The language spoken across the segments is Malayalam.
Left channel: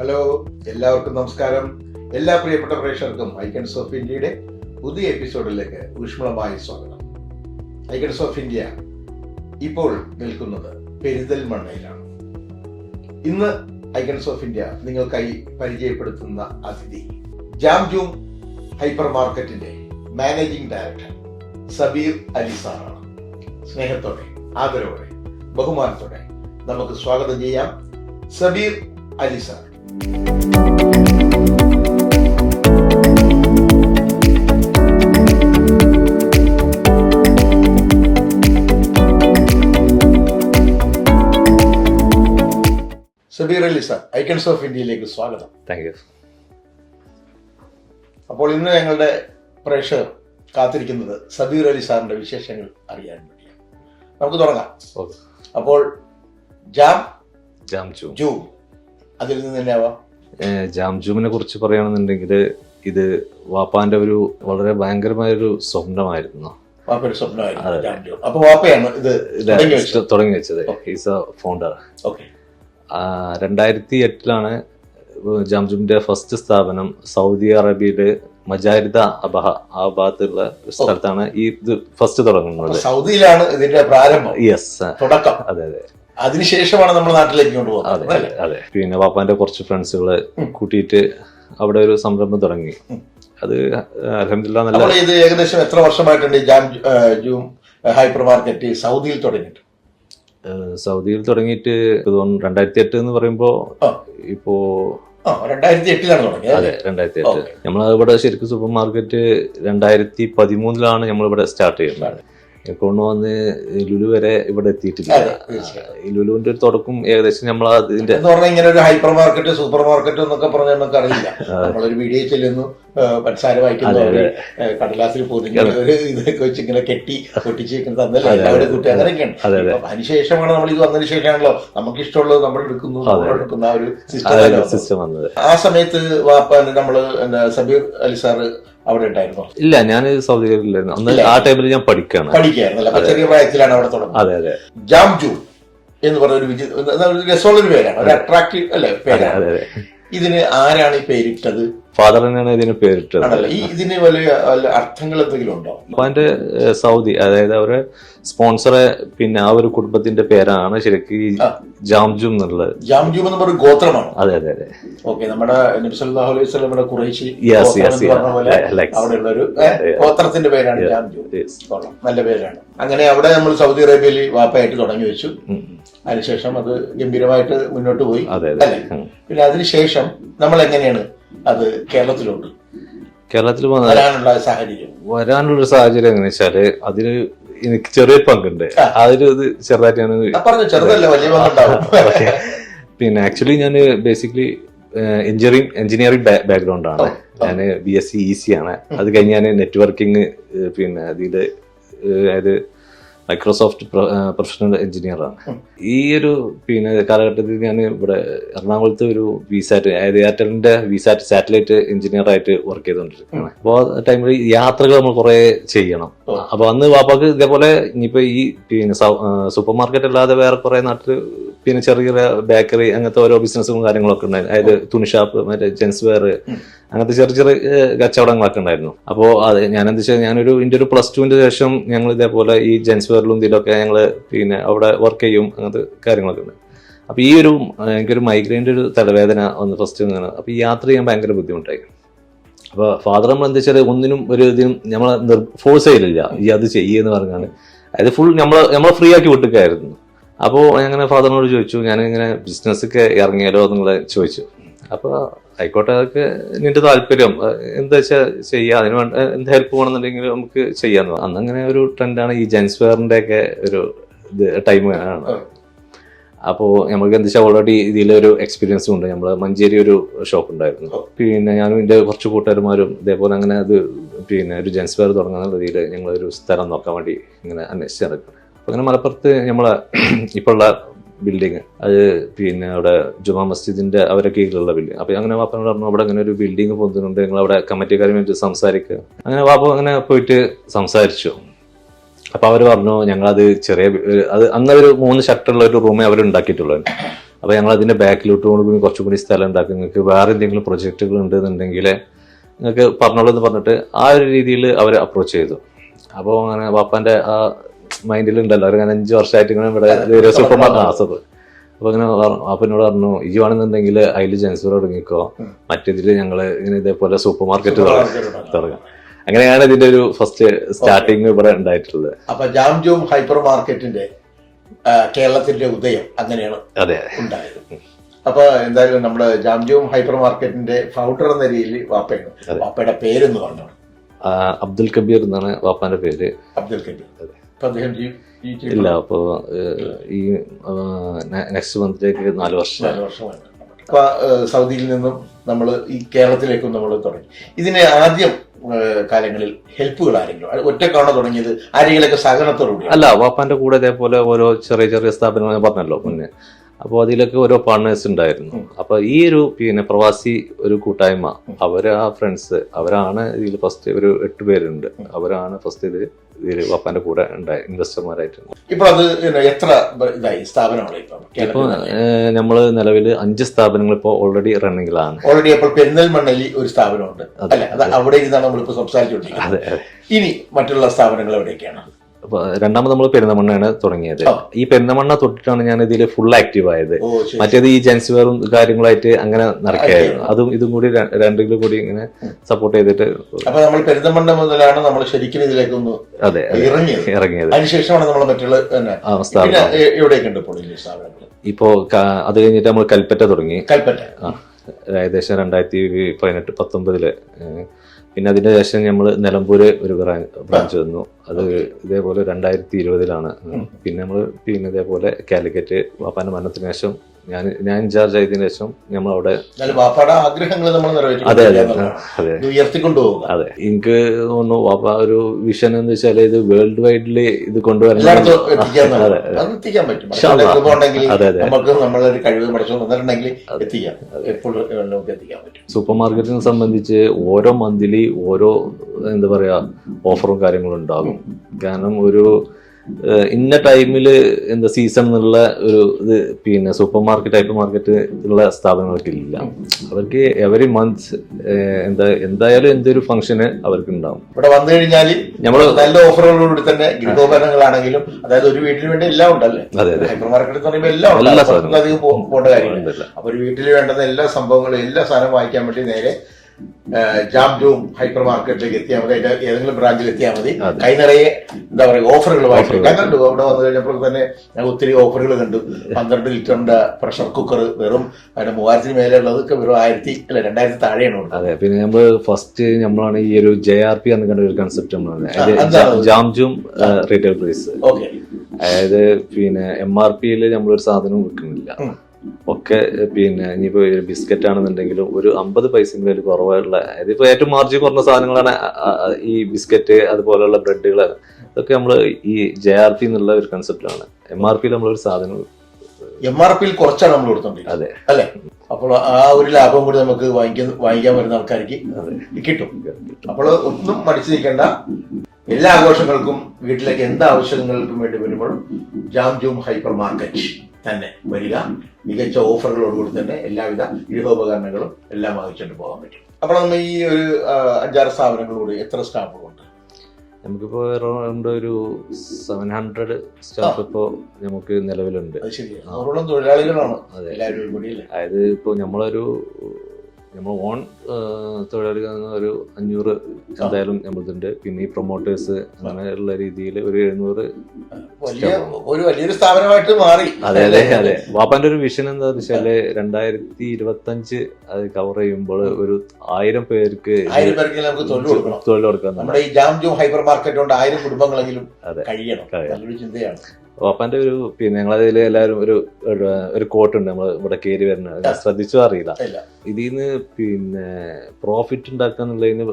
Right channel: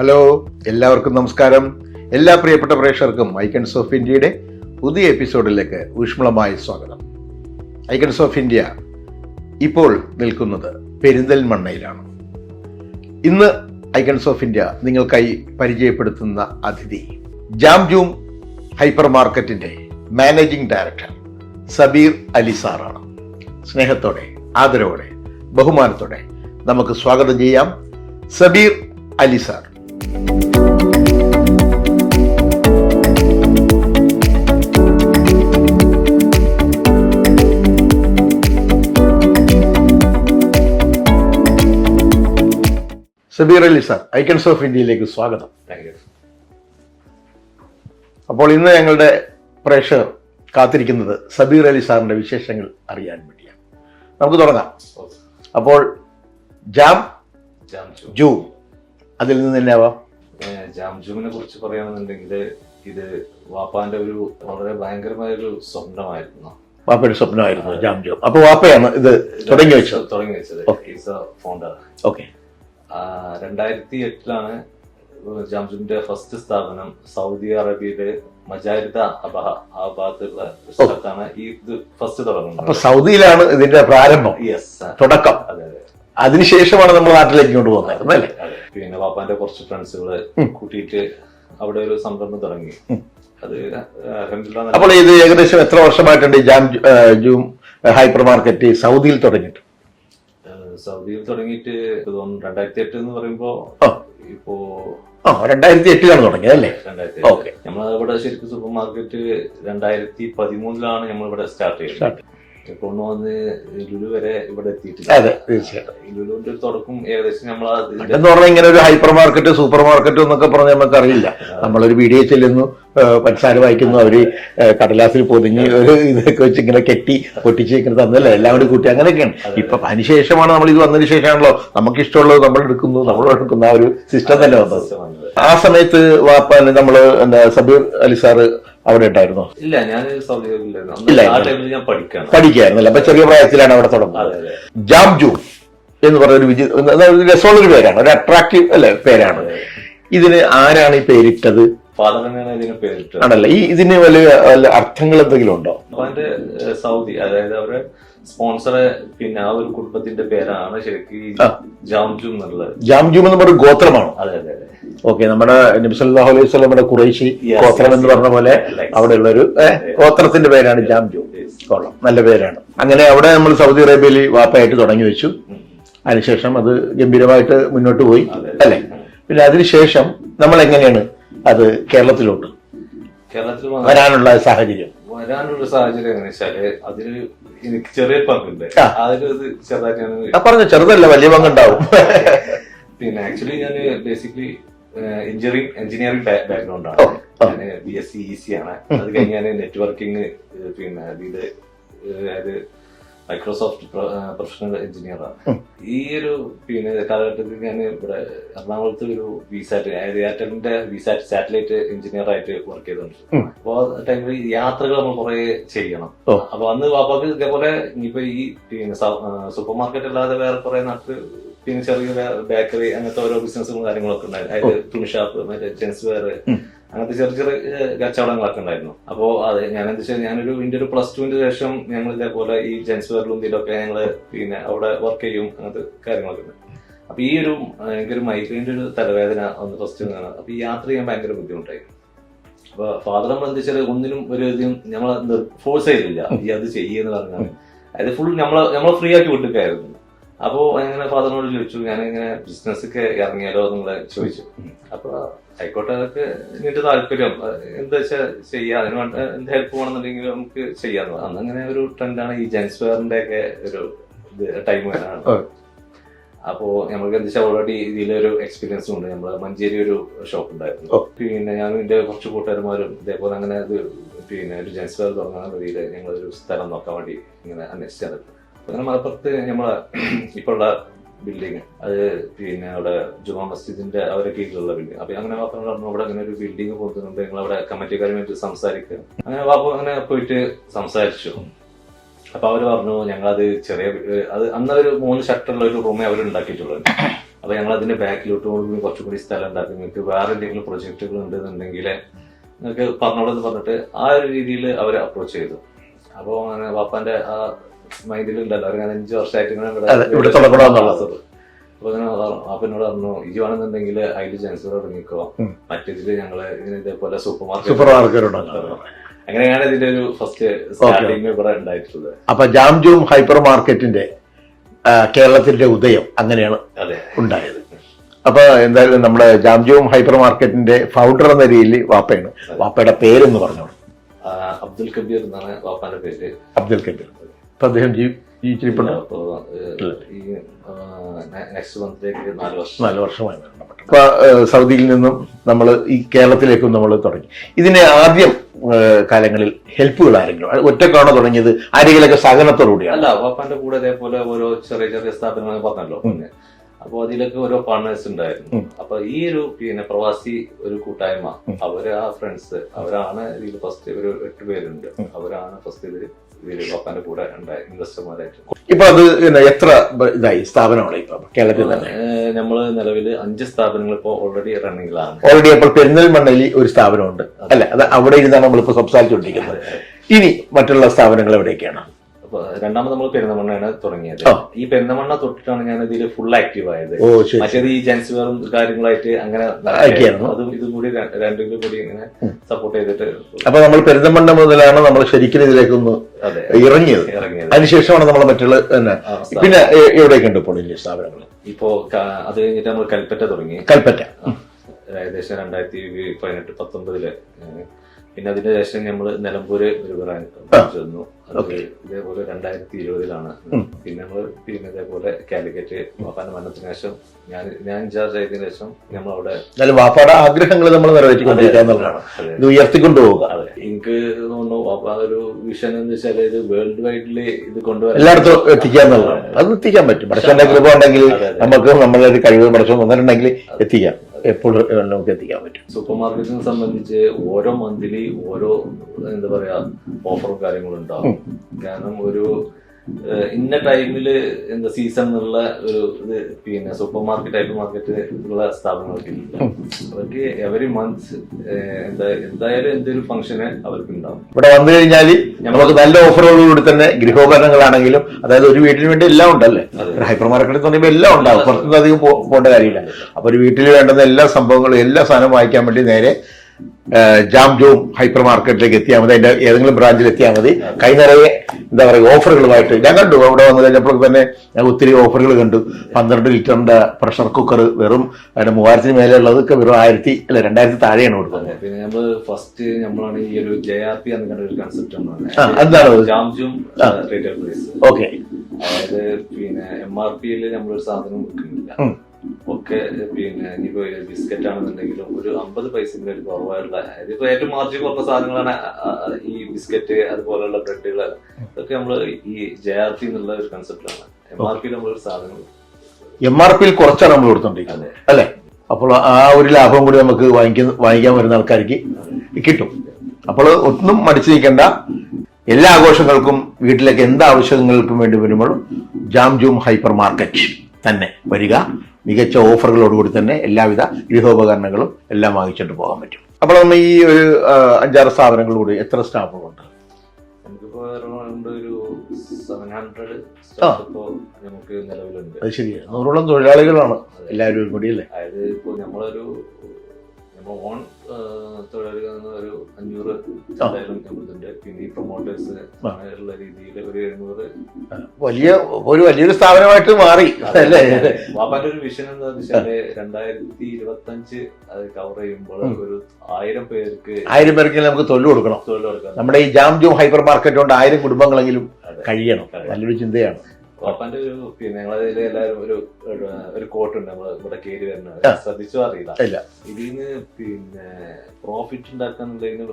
ഹലോ, എല്ലാവർക്കും നമസ്കാരം. എല്ലാ പ്രിയപ്പെട്ട പ്രേക്ഷകർക്കും ഐക്കൺസ് ഓഫ് ഇന്ത്യയുടെ പുതിയ എപ്പിസോഡിലേക്ക് ഊഷ്മളമായ സ്വാഗതം. ഐക്കൺസ് ഓഫ് ഇന്ത്യ ഇപ്പോൾ നിൽക്കുന്നത് പെരിന്തൽമണ്ണയിലാണ്. ഇന്ന് ഐക്കൺസ് ഓഫ് ഇന്ത്യ നിങ്ങൾക്കായി പരിചയപ്പെടുത്തുന്ന അതിഥി ജാം ജൂം ഹൈപ്പർ മാർക്കറ്റിന്റെ മാനേജിംഗ് ഡയറക്ടർ സബീർ അലി സാറാണ്. സ്നേഹത്തോടെ, ആദരവോടെ, ബഹുമാനത്തോടെ നമുക്ക് സ്വാഗതം ചെയ്യാം Sabeer Ali sir. Sabeer Ali sir, icons of ഇന്ത്യയിലേക്ക് സ്വാഗതം. Thank you. അപ്പോൾ ഇന്ന് ഞങ്ങളുടെ പ്രേക്ഷകർ കാത്തിരിക്കുന്നത് സബീർ അലി സാറിന്റെ വിശേഷങ്ങൾ അറിയാൻ വേണ്ടിയാണ്. നമുക്ക് തുടങ്ങാം. അപ്പോൾ ജാം ജൂം, അതിൽ നിന്ന് തന്നെ ആവാം. ജാം ജൂമിനെ കുറിച്ച് പറയുകയാണെന്നുണ്ടെങ്കിൽ ഇത് വാപ്പാന്റെ ഒരു വളരെ ഭയങ്കരമായ ഒരു സ്വപ്നമായിരുന്നു. വാപ്പയുടെ സ്വപ്നമായിരുന്നു ജാം ജൂം. അപ്പൊ വാപ്പയാണ് ഇത് തുടങ്ങി വെച്ചത്. Is a founder. Okay. 2008 Jam ജൂമിന്റെ ഫസ്റ്റ് സ്ഥാപനം സൗദി അറേബ്യയിലെ മജാരിദ അബഹ ആ ഭാഗത്തുള്ള സ്ഥലത്താണ് ഈ ഇത് ഫസ്റ്റ് തുടങ്ങുന്നത്. സൗദിയിലാണ് ഇതിന്റെ പ്രാരംഭം. യെസ്, തുടക്കം. അതെ അതെ. അതിനുശേഷമാണ് നമ്മൾ നാട്ടിലേക്ക് ഇങ്ങോട്ട് പോകുന്നത്. അതെ. പിന്നെ വാപ്പാന്റെ കുറച്ച് ഫ്രണ്ട്സുകള് കൂട്ടിയിട്ട് അവിടെ ഒരു സംരംഭം തുടങ്ങി. അത് അൽഹംദുലില്ലാഹ്. അപ്പോൾ ഇത് ഏകദേശം എത്ര വർഷമായിട്ടുണ്ട് ജാം ജൂം ഹൈപ്പർ മാർക്കറ്റ് സൗദിയിൽ തുടങ്ങിയിട്ട്? സൗദിയിൽ തുടങ്ങിയിട്ട് 2008 എന്ന് പറയുമ്പോ ഇപ്പോ 2008 തുടങ്ങിയത് അല്ലേ? 2008. നമ്മളിവിടെ ശരിക്കും സൂപ്പർ മാർക്കറ്റ് 2013 നമ്മളിവിടെ സ്റ്റാർട്ട് ചെയ്യുന്നത്. ഇപ്പോൾ വന്ന് ലുലു വരെ ഇവിടെ എത്തിയിട്ടില്ല. ലുലുവിന്റെ ഒരു തുടക്കം ഏകദേശം നമ്മൾ ഇങ്ങനെ ഒരു ഹൈപ്പർ മാർക്കറ്റ് സൂപ്പർ മാർക്കറ്റ് എന്നൊക്കെ പറഞ്ഞാൽ നമുക്ക് അറിയില്ല. നമ്മളൊരു വീഡിയോ ചെല്ലുന്നു, പഞ്ചസാര വായിക്കുന്നു, അവര് കടലാസിൽ പൊതിഞ്ഞ് ഒരു ഇതൊക്കെ വെച്ച് ഇങ്ങനെ കെട്ടി പൊട്ടിച്ച് ഇങ്ങനെ തന്നല്ലോ, എല്ലാവരും കൂട്ടി, അങ്ങനെയൊക്കെയാണ്. ഇപ്പൊ അതിനുശേഷമാണ് നമ്മൾ ഇത് വന്നതിന് ശേഷമാണല്ലോ നമുക്ക് ഇഷ്ടമുള്ളത് നമ്മൾ എടുക്കുന്നു, നമ്മൾ എടുക്കുന്ന ആ ഒരു സിസ്റ്റം തന്നെ വന്നത്. ആ സമയത്ത് വാപ്പാന് നമ്മള് എന്താ സബീർ അലി സാറ് അവിടെ ഉണ്ടായിരുന്നോ? ഇല്ല, ഞാൻ സൗദിയിലായിരുന്നു. ആ ടൈമിൽ ഞാൻ പഠിക്കായിരുന്നല്ലോ. അപ്പൊ ചെറിയ പ്രായത്തിലാണ് അവിടെ തുടങ്ങുന്നത്. അതെ അതെ. ജാം ജൂം എന്ന് പറഞ്ഞൊരു രസമുള്ളൊരു പേരാണ്, ഒരു അട്രാക്റ്റീവ് അല്ലെ പേരാണ്. ഇതിന് ആരാണ് ഈ പേരിട്ടത്? ഫാദർ തന്നെയാണ് ഇതിന് പേരിട്ടത്. ആണല്ലേ. ഇതിന് വലിയ അർത്ഥങ്ങൾ എന്തെങ്കിലും ഉണ്ടോ? അപ്പൊ അതിന്റെ സൗദി, അതായത് അവര് സ്പോൺസറെ പിന്നെ ആ ഒരു കുടുംബത്തിന്റെ പേരാണ് ശരിക്കും ജാം ജൂം എന്നുള്ളത്. ജാം ജൂം എന്ന് പറഞ്ഞ ഗോത്രമാണ്. അതെ അതെ അതെ. ഓക്കെ. നമ്മുടെ നബി സല്ലല്ലാഹു അലൈഹി വസല്ലമയുടെ ഖുറൈശി ഗോത്രം എന്ന് പറഞ്ഞ പോലെ അവിടെയുള്ള ഒരു ഗോത്രത്തിന്റെ പേരാണ് ജാം ജൂം. നല്ല പേരാണ്. അങ്ങനെ അവിടെ നമ്മൾ സൗദി അറേബ്യയിൽ വാപ്പയായിട്ട് തുടങ്ങി വെച്ചു. അതിനുശേഷം അത് ഗംഭീരമായിട്ട് മുന്നോട്ട് പോയി അല്ലെ? പിന്നെ അതിനുശേഷം നമ്മൾ എങ്ങനെയാണ് അത് കേരളത്തിൽ വരാനുള്ള സാഹചര്യം എങ്ങനെ വെച്ചാല് അതിന് എനിക്ക് ചെറിയ പങ്കുണ്ട്. അതില് ഇത് ചെറുതായിട്ട് പറഞ്ഞു, ചെറുതല്ല വലിയ പങ്കുണ്ടാവും. പിന്നെ ആക്ച്വലി ഞാൻ ബേസിക്കലി എഞ്ചിനീയറിംഗ് ബാക്ക്ഗ്രൗണ്ട് ആണ്. ഞാൻ BSc EC ആണ്. അത് കഴിഞ്ഞ് ഞാൻ നെറ്റ്വർക്കിംഗ് പിന്നെ അതില് അതായത് മൈക്രോസോഫ്റ്റ് പ്രൊഫഷണൽ എഞ്ചിനീയറാണ്. ഈ ഒരു പിന്നെ കാലഘട്ടത്തിൽ ഞാൻ ഇവിടെ എറണാകുളത്ത് ഒരു വിസാറ്റ്, അതായത് എയർടെലിന്റെ വിസാറ്റ് സാറ്റലൈറ്റ് എഞ്ചിനീയർ ആയിട്ട് വർക്ക് ചെയ്തുകൊണ്ടിരിക്കുകയാണ്. അപ്പോൾ ആ ടൈമിൽ യാത്രകൾ നമ്മൾ കുറെ ചെയ്യണം. അപ്പൊ അന്ന് വാപ്പാക്ക് ഇതേപോലെ ഇനിയിപ്പോ ഈ പിന്നെ സൂപ്പർ മാർക്കറ്റ് അല്ലാതെ വേറെ കുറെ നാട്ടിൽ പിന്നെ ചെറിയ ബേക്കറി അങ്ങനത്തെ ഓരോ ബിസിനസ്സും കാര്യങ്ങളൊക്കെ ഉണ്ടായിരുന്നു. അതായത് തുണി ഷാപ്പ്, മറ്റേ ജെൻസ് വെയർ, അങ്ങനത്തെ ചെറിയ ചെറിയ കച്ചവടങ്ങളൊക്കെ ഉണ്ടായിരുന്നു. അപ്പോൾ അത് ഞാൻ എന്താ വെച്ചാൽ ഞാനൊരു എൻ്റെ ഒരു +2 ശേഷം ഞങ്ങൾ ഇതേപോലെ ഈ ജെൻസ് വെയറിലും ഇതിലൊക്കെ ഞങ്ങൾ പിന്നെ അവിടെ വർക്ക് ചെയ്യും, അങ്ങനത്തെ കാര്യങ്ങളൊക്കെ ഉണ്ട്. അപ്പൊ ഈ ഒരു എനിക്കൊരു മൈഗ്രെയിൻ്റെ ഒരു തലവേദന ഒന്ന് ഫസ്റ്റ് വന്നതാണ്. അപ്പൊ ഈ യാത്ര ചെയ്യാൻ ഭയങ്കര ബുദ്ധിമുട്ടായി. അപ്പൊ ഫാദർ നമ്മൾ എന്താ വെച്ചാൽ ഒന്നിനും ഒരു ഇതും നമ്മളെ ഫോഴ്സ് ചെയ്തില്ല, ഈ അത് ചെയ്യുമെന്ന് പറഞ്ഞാണ്. അതായത് ഫുൾ നമ്മളെ ഫ്രീ ആക്കി വിട്ടുകയായിരുന്നു. അപ്പോൾ അങ്ങനെ ഫാദറിനോട് ചോദിച്ചു, ഞാനിങ്ങനെ ബിസിനസ്സൊക്കെ ഇറങ്ങിയാലോ നിങ്ങൾ ചോദിച്ചു. അപ്പോൾ ആയിക്കോട്ടെ, അതൊക്കെ നിന്റെ താല്പര്യം എന്താ വെച്ചാൽ ചെയ്യാം, അതിന് വേണ്ട എന്ത് ഹെൽപ്പ് വേണമെന്നുണ്ടെങ്കിൽ നമുക്ക് ചെയ്യാന്ന്. അന്നങ്ങനെ ഒരു ട്രെൻഡാണ് ഈ ജെൻസ് വെയറിന്റെ ഒക്കെ ഒരു ടൈം ആണ്. അപ്പോൾ നമുക്ക് എന്താ വെച്ചാൽ ഓൾറെഡി ഇതിലൊരു എക്സ്പീരിയൻസും ഉണ്ട്. നമ്മള് മഞ്ചേരി ഒരു ഷോപ്പ് ഉണ്ടായിരുന്നു. പിന്നെ ഞാനും എൻ്റെ കുറച്ച് കൂട്ടുകാരന്മാരും ഇതേപോലെ അങ്ങനെ അത് പിന്നെ ഒരു ജെൻസ് വെയർ തുടങ്ങുന്ന രീതിയിൽ ഞങ്ങളൊരു സ്ഥലം നോക്കാൻ വേണ്ടി ഇങ്ങനെ അന്വേഷിച്ച് നടക്കും. അപ്പൊ അങ്ങനെ മലപ്പുറത്ത് നമ്മളെ ഇപ്പോൾ ഉള്ള ബിൽഡിങ്, അത് പിന്നെ അവിടെ ജുമാ മസ്ജിദിന്റെ അവരെ കീഴിലുള്ള ബിൽഡിംഗ്. അപ്പൊ അങ്ങനെ വാപ്പനോട് പറഞ്ഞു, അവിടെ അങ്ങനെ ഒരു ബിൽഡിംഗ് പോകുന്നുണ്ട്, നിങ്ങൾ അവിടെ കമ്മിറ്റിക്കാരുമായിട്ട് സംസാരിക്കുക. അങ്ങനെ വാപ്പ അങ്ങനെ പോയിട്ട് സംസാരിച്ചു. അപ്പൊ അവര് പറഞ്ഞു, ഞങ്ങളത് ചെറിയ അത് അന്ന് ഒരു 3 ഷട്ടറുള്ള ഒരു റൂമേ അവർ ഉണ്ടാക്കിയിട്ടുള്ളൂ. അപ്പൊ ഞങ്ങൾ അതിന്റെ ബാക്കിലോട്ട് കൂടി കുറച്ചും കൂടി സ്ഥലം ഉണ്ടാക്കി, നിങ്ങൾക്ക് വേറെ എന്തെങ്കിലും പ്രൊജക്ടുകൾ ഉണ്ടെന്നുണ്ടെങ്കിൽ നിങ്ങൾക്ക് പറഞ്ഞോളൂ എന്ന് പറഞ്ഞിട്ട് ആ ഒരു രീതിയിൽ അവർ അപ്രോച്ച് ചെയ്തു. അപ്പോൾ അങ്ങനെ വാപ്പാന്റെ ആ മൈൻഡിൽ ഉണ്ടല്ലോ, ഒരു 5 വർഷമായിട്ട് ഇങ്ങനെ ഇവിടെ സൂപ്പർ. അപ്പൊ ഇങ്ങനെ വാപ്പനോട് പറഞ്ഞു, ഈ വേണമെന്നുണ്ടെങ്കിൽ അതിൽ ജെൻസൂർ തുടങ്ങിക്കോ, മറ്റേതിൽ ഞങ്ങള് ഇങ്ങനെ ഇതേപോലെ സൂപ്പർ മാർക്കറ്റ് തുടങ്ങും. അങ്ങനെയാണ് ഇതിന്റെ ഒരു ഫസ്റ്റ് സ്റ്റാർട്ടിങ് ഇവിടെ ഉണ്ടായിട്ടുള്ളത്. അപ്പൊ ജാംജൂം ഹൈപ്പർ മാർക്കറ്റിന്റെ കേരളത്തിന്റെ ഉദയം അങ്ങനെയാണ് ഉണ്ടായത്. അപ്പൊ എന്തായാലും നമ്മുടെ ജാംജൂം ഹൈപ്പർ മാർക്കറ്റിന്റെ ഫൗണ്ടർ എന്ന രീതിയിൽ വാപ്പയാണ്. വാപ്പയുടെ പേരെന്ന് പറഞ്ഞോളൂ. അബ്ദുൽ കബീർ എന്നാണ് വാപ്പാന്റെ പേര്. അബ്ദുൽ കബീർ. അപ്പൊ അദ്ദേഹം ഇല്ല, അപ്പൊ ഈ നെക്സ്റ്റ് മന്തിലേക്ക് 4 വർഷമായി. അപ്പൊ സൗദിയിൽ നിന്നും നമ്മൾ ഈ കേരളത്തിലേക്കും നമ്മൾ തുടങ്ങി. ഇതിന്റെ ആദ്യം കാലങ്ങളിൽ ഹെൽപ്പുകൾ ആരെങ്കിലും ഒറ്റക്കാണോ തുടങ്ങിയത്, ആരെങ്കിലൊക്കെ സഹകരണത്തോടുകൂടി? അല്ല, വാപ്പാന്റെ കൂടെ ഇതേപോലെ ഓരോ ചെറിയ ചെറിയ സ്ഥാപനങ്ങൾ പറഞ്ഞല്ലോ മുന്നേ. അപ്പോൾ അതിലൊക്കെ ഓരോ പാർട്ട്നേഴ്സ് ഉണ്ടായിരുന്നു. അപ്പൊ ഈ ഒരു പ്രവാസി ഒരു കൂട്ടായ്മ, അവര് ആ ഫ്രണ്ട്സ് അവരാണ് ഇതിൽ ഫസ്റ്റ് ഒരു 8 പേരുണ്ട്. അവരാണ് ഫസ്റ്റ് ഇതിൽ വാപ്പാന്റെ കൂടെ ഉണ്ടായി ഇൻവെസ്റ്റർമാരായിട്ട്. ഇപ്പൊ അത് എത്ര ഇതായി സ്ഥാപനമാണ് നമ്മള് നിലവിൽ 5 സ്ഥാപനങ്ങൾ ഇപ്പോൾ ഓൾറെഡി റണ്ണിങ്ങിലാണ്. ഓൾറെഡി അപ്പോൾ പെരിന്തൽമണ്ണയിൽ ഒരു സ്ഥാപനമുണ്ട് അല്ലെ, അത് അവിടെ ഇരുന്നാണ് നമ്മളിപ്പോ സംസാരിച്ചുകൊണ്ടിരിക്കുന്നത്. ഇനി മറ്റുള്ള സ്ഥാപനങ്ങൾ എവിടെയൊക്കെയാണ്? അപ്പൊ രണ്ടാമത് നമ്മൾ പെരുന്തമണ്ണയാണ് തുടങ്ങിയത്. ഈ പെരുന്തമണ്ണ തൊട്ടിട്ടാണ് ഞാൻ ഇതിൽ ഫുൾ ആക്റ്റീവ് ആയത്. മറ്റേത് ഈ ജെൻസ് വെയറും കാര്യങ്ങളായിട്ട് അങ്ങനെ നടക്കുകയായിരുന്നു. അതും ഇതും കൂടി രണ്ടിലും കൂടി ഇങ്ങനെ സപ്പോർട്ട് ചെയ്തിട്ട്. അപ്പൊ നമ്മൾ പെരുന്തമണ്ണ മുതലാണ് നമ്മൾ ശരിക്കും ഇതിലേക്കൊന്ന് ഇറങ്ങിയത്. അതിനുശേഷമാണ് നമ്മൾ മറ്റുള്ള പിന്നെ എവിടെയൊക്കെ ഉണ്ട് ഇപ്പോൾ സ്ഥാപനങ്ങൾ? ഇപ്പോ അത് കഴിഞ്ഞിട്ട് നമ്മൾ കൽപ്പറ്റ തുടങ്ങി. കൽപ്പറ്റ ഏകദേശം 2018-19 പിന്നെ അതിന്റെ ശേഷം നമ്മൾ നിലമ്പൂര് ഒരു ബ്രാഞ്ച് വന്നു. അത് ഇതേപോലെ 2020 പിന്നെ നമ്മള് ഇതേപോലെ കാലിക്കറ്റ് വാപ്പാന്റെ മരണത്തിന് ശേഷം ഞാൻ ഇൻചാർജ് ആയതിനു ശേഷം നമ്മൾ അവിടെ വാപ്പാടെ ആഗ്രഹങ്ങൾ നമ്മൾ ഉയർത്തിക്കൊണ്ടുപോകുക. അതെ, എനിക്ക് തോന്നുന്നു വാപ്പ ഒരു വിഷൻ എന്ന് വെച്ചാൽ ഇത് വേൾഡ് വൈഡില് ഇത് കൊണ്ടുവരാൻ എത്തിക്കാൻ പറ്റും. നമുക്ക് നമ്മളൊരു കഴിവ് പഠിച്ചുണ്ടെങ്കിൽ എത്തിക്കാം, എപ്പോഴും നമുക്ക് എത്തിക്കാൻ പറ്റും. സൂപ്പർ മാർക്കറ്റിനെ സംബന്ധിച്ച് ഓരോ മന്ത്ലി ഓരോ എന്താ പറയാ ഓഫറും കാര്യങ്ങളും ഉണ്ടാകും. കാരണം ഒരു ഇന്ന ടൈമില് എന്താ സീസൺ എന്നുള്ള ഒരു ഇത് സൂപ്പർ മാർക്കറ്റ് ഹൈപ്പർ മാർക്കറ്റ് ഉള്ള സ്ഥാപനങ്ങൾക്ക് ഇല്ല. അവർക്ക് എവറി മന്ത് എന്തായാലും എന്തൊരു ഫംഗ്ഷന് അവർക്ക് ഉണ്ടാവും. ഇവിടെ വന്നു കഴിഞ്ഞാൽ നമ്മൾ നല്ല ഓഫറുകളോട് തന്നെ ഗൃഹോപകരണങ്ങളാണെങ്കിലും, അതായത് ഒരു വീട്ടിന് വേണ്ടി എല്ലാം ഉണ്ടല്ലേ. ഹൈപ്പർ മാർക്കറ്റിൽ തുടങ്ങിയപ്പോൾ എല്ലാം ഉണ്ട്, അധികം പോകേണ്ട കാര്യമില്ല. അപ്പൊ ഒരു വീട്ടിൽ വേണ്ടുന്ന എല്ലാ സംഭവങ്ങളും എല്ലാ സാധനവും വാങ്ങിക്കാൻ വേണ്ടി നേരെ ജാംജൂം ഹൈപ്പർ മാർക്കറ്റിലേക്ക് എത്തിയാൽ മതി. അതിന്റെ ഏതെങ്കിലും ബ്രാഞ്ചിൽ എത്തിയാൽ മതി. കൈ നിറയെ എന്താ പറയുക ഓഫറുകളുമായിട്ട് ഞാൻ കണ്ടു. അവിടെ വന്നു കഴിഞ്ഞപ്പോൾ തന്നെ ഞാൻ ഒത്തിരി ഓഫറുകൾ കണ്ടു. 12 ലിറ്ററിന്റെ പ്രഷർ കുക്കർ വെറും 3000 മേലെ ഉള്ളതൊക്കെ വെറും 2000 താഴെയാണ് കൊടുത്തത്. അതെ, പിന്നെ നമ്മള് ഫസ്റ്റ് നമ്മളാണ് ഈ ഒരു JRP എന്ന് കണ്ട ഒരു കൺസെപ്റ്റ് ജാംജൂം റീറ്റെയിൽ പ്രൈസ്. ഓക്കെ, അതായത് MRP-യിൽ നമ്മളൊരു സാധനവും വിൽക്കുന്നില്ല. ഒക്കെ ഇനിയിപ്പോ ബിസ്ക്കറ്റ് ആണെന്നുണ്ടെങ്കിലും ഒരു 50 പൈസ കുറവുള്ള, ഇതിപ്പോ ഏറ്റവും മാർജിൻ കുറഞ്ഞ സാധനങ്ങളാണ് ഈ ബിസ്ക്കറ്റ് അതുപോലെയുള്ള ബ്രെഡുകൾ. ഇതൊക്കെ നമ്മള് ഈ JRP എന്നുള്ള ഒരു കൺസെപ്റ്റാണ്. MRP-യിൽ നമ്മളൊരു സാധനം MRP-യിൽ കുറച്ചാണ് നമ്മൾ കൊടുത്തോണ്ടിരിക്കുന്നത്. അതെ അല്ലെ, അപ്പോൾ ആ ഒരു ലാഭം കൂടി നമുക്ക് വാങ്ങിക്കാൻ വരുന്ന ആൾക്കാർക്ക് കിട്ടും. അപ്പോൾ ഒന്നും മടിച്ചു നിൽക്കേണ്ട. എല്ലാ ആഘോഷങ്ങൾക്കും വീട്ടിലേക്ക് എന്ത് ആവശ്യങ്ങൾക്കും വേണ്ടി വരുമ്പോഴും ജാംജൂം ഹൈപ്പർ മാർക്കറ്റ് തന്നെ വരിക. മികച്ച ഓഫറുകളോടുകൂടി തന്നെ എല്ലാവിധ ഗൃഹോപകരണങ്ങളും എല്ലാം വാങ്ങിച്ചിട്ട് പോകാൻ പറ്റും. അപ്പോൾ നമ്മൾ ഈ ഒരു 5-6 സ്ഥാപനങ്ങളിലൂടെ എത്ര സ്റ്റാഫുകളുണ്ട്? നമുക്കിപ്പോ അറൗണ്ട് ഒരു 700 സ്റ്റാഫ് ഇപ്പോ നമുക്ക് നിലവിലുണ്ട്. അത് ശരിയാണ്, 100ഓളം തൊഴിലാളികളാണ് എല്ലാവരും കൂടി അല്ലേ. അതായത് ഇപ്പോ നമ്മൾ ഓൺ തൊഴിലാളികൾ ഒരു 500 എന്തായാലും നമ്മളുണ്ട്. പിന്നെ ഈ പ്രൊമോട്ടേഴ്സ് അങ്ങനെയുള്ള രീതിയിൽ ഒരു 700. വലിയൊരു സ്ഥാപനമായിട്ട് മാറി. അതെ, വാപ്പാന്റെ ഒരു വിഷൻ എന്താന്ന് വെച്ചാല് 2025 അത് കവർ ചെയ്യുമ്പോൾ ഒരു 1000 പേർക്ക് നമുക്ക് തൊഴിൽ കൊടുക്കണം. നമ്മുടെ ഈ ജാംജൂം ഹൈപ്പർ മാർക്കറ്റ് കൊണ്ട് 1000 കുടുംബങ്ങളെങ്കിലും കഴിയണം. നല്ലൊരു ചിന്തയാണ് വാപ്പാന്റെ ഒരു. ഞങ്ങളതിൽ എല്ലാവരും ഒരു കോട്ടുണ്ട് നമ്മൾ ഇവിടെ കയറി വരുന്നത്, ശ്രദ്ധിച്ചോ അറിയില്ല. ഇതിന്ന് പ്രോഫിറ്റ് ഉണ്ടാക്കുക എന്നുള്ളതിന്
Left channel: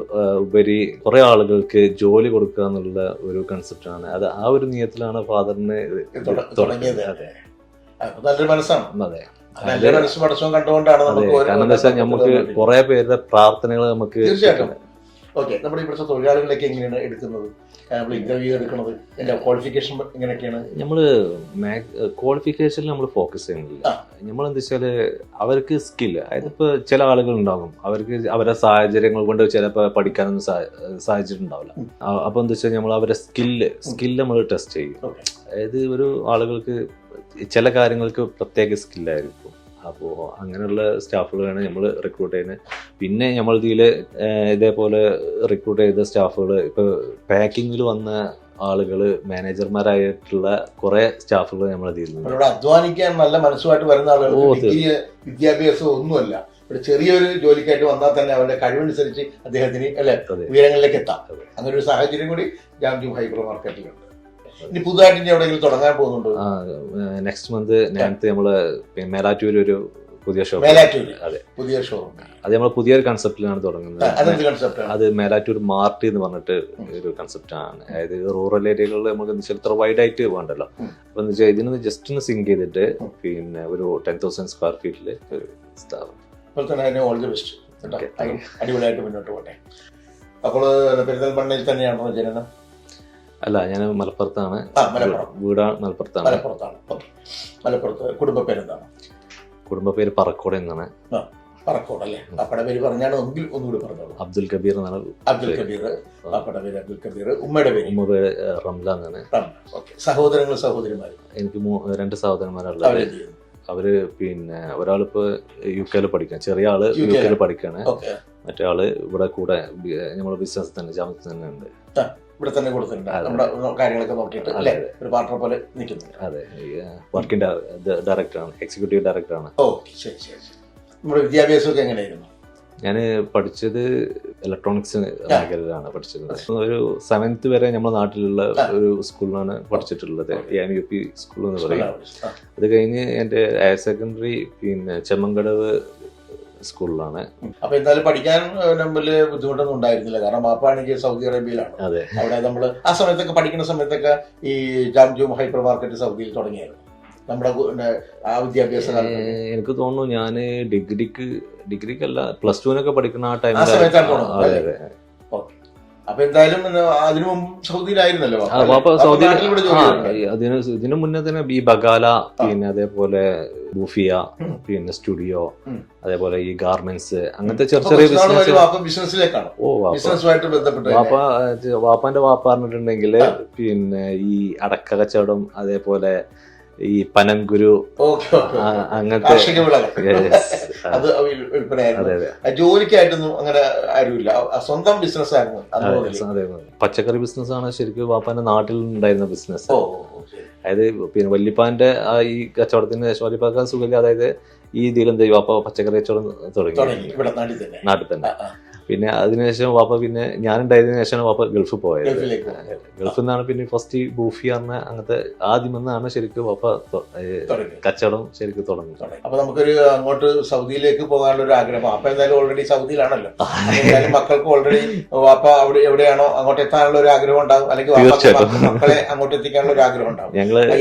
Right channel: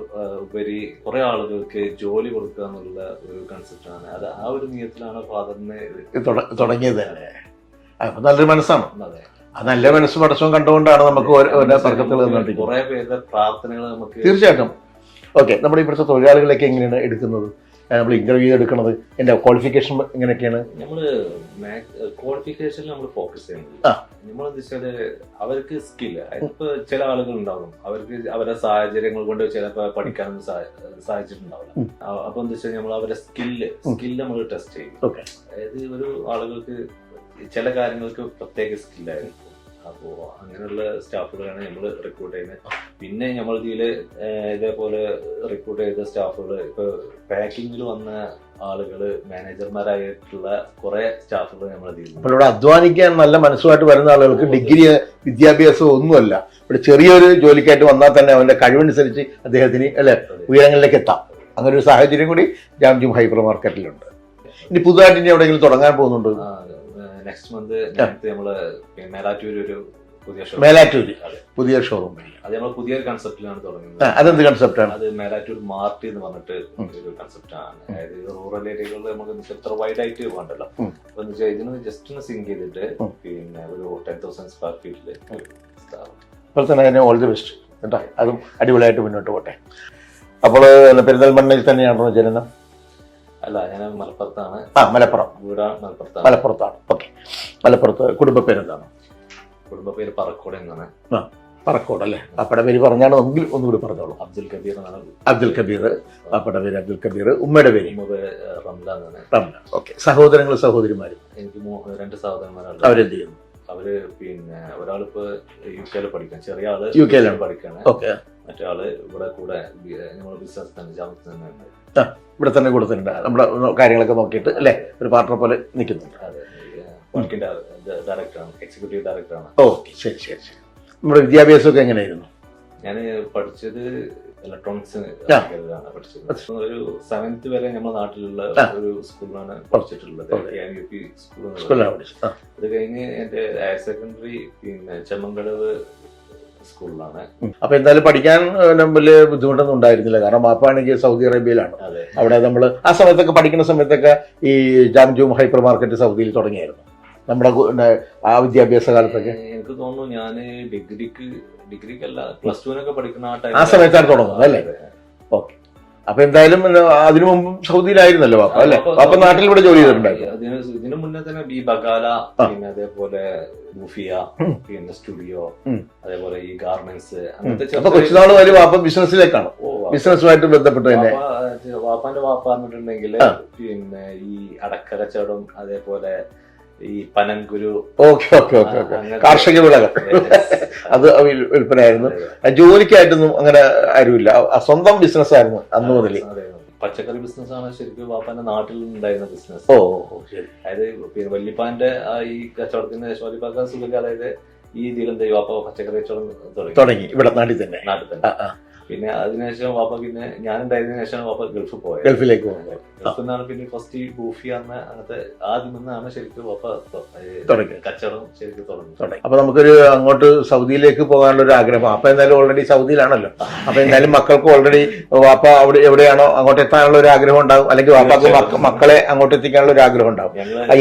ഉപരി കുറെ ആളുകൾക്ക് ജോലി കൊടുക്കുക എന്നുള്ള ഒരു കൺസെപ്റ്റ് ആണ്. അത് ആ ഒരു നിയത്തിലാണ് ഫാദറിന് തുടങ്ങിയത്. നല്ലൊരു മനസ്സാണ്. അതെ, നല്ല മനസ്സ് പടച്ചവും കണ്ടുകൊണ്ടാണ് നമുക്ക് കുറെ പേരുടെ പ്രാർത്ഥനകൾ നമുക്ക്. തീർച്ചയായിട്ടും. ഓക്കെ, നമ്മുടെ ഇവിടുത്തെ തൊഴിലാളികളൊക്കെ എങ്ങനെയാണ് എടുക്കുന്നത്? നമ്മൾ ഇന്റർവ്യൂ എടുക്കുന്നത്? എന്റെ ക്വാളിഫിക്കേഷൻ എങ്ങനെയൊക്കെയാണ്? നമ്മള് ക്വാളിഫിക്കേഷനിൽ നമ്മൾ ഫോക്കസ് ചെയ്യുന്നില്ല. നമ്മളെന്താ വെച്ചാല് അവർക്ക് സ്കില്ല്, അതിപ്പോ ചില ആളുകൾ ഉണ്ടാകും അവർക്ക് അവരുടെ സാഹചര്യങ്ങൾ കൊണ്ട് ചിലപ്പോൾ പഠിക്കാനൊന്നും സാഹചര്യം ഉണ്ടാവില്ല. അപ്പൊ എന്താ വെച്ചാൽ നമ്മൾ അവരുടെ സ്കില്ല് നമ്മൾ ടെസ്റ്റ് ചെയ്യും. അതായത് ഒരു ആളുകൾക്ക് ചില കാര്യങ്ങൾക്ക് പ്രത്യേക സ്കില്ലായിരിക്കും. അപ്പോൾ അങ്ങനെയുള്ള സ്റ്റാഫുകളാണ് നമ്മൾ റിക്രൂട്ട് ചെയ്യുന്നത്. പിന്നെ നമ്മൾ ഇതില് ഇതേപോലെ റിക്രൂട്ട് ചെയ്ത സ്റ്റാഫുകൾ ഇപ്പൊ പാക്കിങ്ങിൽ വന്ന ആളുകള് മാനേജർമാരായിട്ടുള്ള കുറെ സ്റ്റാഫുകൾ നമ്മൾ ഇവിടെ അധ്വാനിക്കാൻ നല്ല മനസ്സുമായിട്ട് വരുന്ന ആളുകൾക്ക് ഡിഗ്രി വിദ്യാഭ്യാസം ഒന്നുമല്ല, ഇവിടെ ചെറിയൊരു ജോലിക്കായിട്ട് വന്നാൽ തന്നെ അവന്റെ കഴിവനുസരിച്ച് അദ്ദേഹത്തിന് അല്ലെ ഉയരങ്ങളിലേക്ക് എത്താം. അങ്ങനെ ഒരു സാഹചര്യം കൂടി ജാംജൂം ഹൈപ്പർ മാർക്കറ്റിലുണ്ട്. ഇനി പുതുതായിട്ട് ഇനി എവിടെയെങ്കിലും തുടങ്ങാൻ പോകുന്നുണ്ട്? നെക്സ്റ്റ് മന്ത് നമ്മള് മേലാറ്റൂർ ഒരു പുതിയ ഷോറൂം അത് നമ്മൾ പുതിയൊരു കൺസെപ്റ്റിലാണ് തുടങ്ങുന്നത്. അതെന്ത് കൺസെപ്റ്റാണ്? അത് മേലാറ്റൂർ മാർട്ട് എന്ന് പറഞ്ഞിട്ട് ഒരു കൺസെപ്റ്റ് ആണ്. അതായത് റൂറൽ ഏരിയകളിൽ നമുക്ക് ഇത്ര വൈഡ് ആയിട്ട് വേണ്ടല്ലോ. അപ്പൊ എന്ന് വെച്ചാൽ ഇതിനൊന്ന് ജസ്റ്റ് ഒന്ന് സിങ്ക് ചെയ്തിട്ട് പിന്നെ ഒരു 10,000 സ്ക്വയർ ഫീറ്റില് സ്ഥാപനം. All the best. അതും അടിപൊളിയായിട്ട് മുന്നോട്ട് പോട്ടെ. അപ്പോൾ പെരിന്തൽമണ്ണയിൽ തന്നെയാണോ ജനനം? അല്ല, ഞാൻ മലപ്പുറത്താണ്. മലപ്പുറം വീട് മലപ്പുറത്താണ്. മലപ്പുറത്താണ്. ഓക്കെ. മലപ്പുറത്ത് കുടുംബ പേരെന്താണ്? കുടുംബ പേര് പറക്കോട് എന്നാണ്. പറക്കോട് അല്ലേ? അപ്പടെ പേര് പറഞ്ഞാണോ എങ്കിൽ ഒന്നുകൂടി പറഞ്ഞോളൂ. അബ്ദുൽ കബീർ എന്നാണ്. അബ്ദുൽ കബീർ. അപ്പടെ പേര് അബ്ദുൽ കബീർ. ഉമ്മയുടെ പേര്? ഉമ്മ പേര് റംല എന്നാണ്. റംല. ഓക്കെ. സഹോദരങ്ങളും സഹോദരിമാരും? എനിക്ക് 2 സഹോദരന്മാരാണ്. അവരെന്ത് ചെയ്യുന്നു? അവര് പിന്നെ ഒരാളിപ്പോ UK പഠിക്കാൻ, ചെറിയ ആള് UK പഠിക്കാണ്. മറ്റേ ആള് ഇവിടെ കൂടെ നമ്മളെ ബിസിനസ് തന്നെ ജാമത്ത് തന്നെ ഉണ്ട്. ഇവിടെ തന്നെ കൊടുത്തിട്ടുണ്ട്. നമ്മുടെ കാര്യങ്ങളൊക്കെ നോക്കിയിട്ട് അല്ലെ ഒരു പാർട്ണർ പോലെ നിൽക്കുന്നു. അതെ, വർക്കിംഗ് ഡയറക്ടറാണ്, എക്സിക്യൂട്ടീവ് ഡയറക്ടറാണ്. ഓക്കെ, ശരി ശരി. നമ്മുടെ വിദ്യാഭ്യാസമൊക്കെ എങ്ങനെയായിരുന്നു? ഞാൻ പഠിച്ചത് ഇലക്ട്രോണിക്സ് മേഖലയിലാണ് പഠിച്ചത്. ഒരു 7th വരെ നമ്മുടെ നാട്ടിലുള്ള ഒരു സ്കൂളിലാണ് പഠിച്ചിട്ടുള്ളത്, UP സ്കൂൾ എന്ന് പറയുന്നത്. അത് കഴിഞ്ഞ് എന്റെ ഹയർ സെക്കൻഡറി പിന്നെ ചെമ്മങ്കടവ് സ്കൂളിലാണ്. അപ്പൊ എന്തായാലും പഠിക്കാൻ വലിയ ബുദ്ധിമുട്ടൊന്നും ഉണ്ടായിരുന്നില്ല, കാരണം വാപ്പാണെങ്കിൽ സൗദി അറേബ്യയിലാണ്. അവിടെ നമ്മള് ആ സമയത്തൊക്കെ പഠിക്കുന്ന സമയത്തൊക്കെ ഈ ജാംജൂം ഹൈപ്പർ മാർക്കറ്റ് സൗദിയിൽ തുടങ്ങിയായിരുന്നു നമ്മുടെ ആ വിദ്യാഭ്യാസ കാലത്തൊക്കെ. എനിക്ക് തോന്നുന്നു ഞാൻ ഡിഗ്രിക്കല്ല +2 പഠിക്കുന്ന ആ സമയത്താണ് തുടങ്ങുന്നത് അല്ലേ? ഓക്കെ. അപ്പൊ എന്തായാലും അതിനു മുമ്പ് സൗദിയിലായിരുന്നല്ലോ നാട്ടിൽ ഇവിടെ ജോലി ചെയ്തിട്ടുണ്ടായി. ഇതിനു മുന്നേ തന്നെ ഈ ബഗാല, പിന്നെ അതേപോലെ ബൂഫിയ, പിന്നെ സ്റ്റുഡിയോ, അതേപോലെ ഈ ഗാർമെന്റ്സ്, അങ്ങനത്തെ ചെറിയ ബിസിനസ്സിലേക്കാണ്. ബിസിനസ്സുമായിട്ട് ബന്ധപ്പെട്ട് വാപ്പാന്റെ വാപ്പ പറഞ്ഞിട്ടുണ്ടെങ്കിൽ പിന്നെ ഈ അടക്ക കച്ചവടം, അതേപോലെ ഈ പനങ്കുരു, കാർഷിക വിളകൾ അത് വിൽപ്പനയായിരുന്നു. ജോലിക്കായിട്ടൊന്നും അങ്ങനെ ആരുമില്ല, സ്വന്തം ബിസിനസ് ആയിരുന്നു അന്ന് മുതൽ. പച്ചക്കറി ബിസിനസ് ആണ് ശരിക്കും വാപ്പാന്റെ നാട്ടിൽ ഉണ്ടായിരുന്ന ബിസിനസ്. അതായത് പിന്നെ വല്യപ്പാന്റെ ഈ കച്ചവടത്തിന് ശേഷം വല്യപ്പാക്കാൻ സുഖമില്ല, അതായത് ഈ ഇതിൽ എന്താ വാപ്പ പച്ചക്കറി കച്ചവടം തുടങ്ങി ഇവിടെ നാട്ടിൽ തന്നെ. പിന്നെ അതിനുശേഷം വാപ്പ, പിന്നെ ഞാനുണ്ടായതിനു ശേഷമാണ് വാപ്പ ഗൾഫിൽ പോയത്. ഗൾഫിൽ നിന്നാണ് പിന്നെ ഫസ്റ്റ് ബൂഫി പറഞ്ഞ അങ്ങനത്തെ ആദ്യം എന്നാണ് ശരിക്കും വാപ്പ കച്ചവടം ശരിക്കും തുടങ്ങി. അപ്പൊ നമുക്കൊരു അങ്ങോട്ട് സൗദിയിലേക്ക് പോകാനുള്ള ഒരു ആഗ്രഹം. അപ്പൊ എന്തായാലും ഓൾറെഡി സൗദിയിലാണല്ലോ, അപ്പൊ എന്തായാലും മക്കൾക്ക് ഓൾറെഡി വാപ്പ അവിടെ എവിടെയാണോ അങ്ങോട്ട് എത്താനുള്ള ഒരു ആഗ്രഹം ഉണ്ടാവും, അല്ലെങ്കിൽ മക്കളെ അങ്ങോട്ട് എത്തിക്കാനുള്ള ഒരു ആഗ്രഹം ഉണ്ടാവും.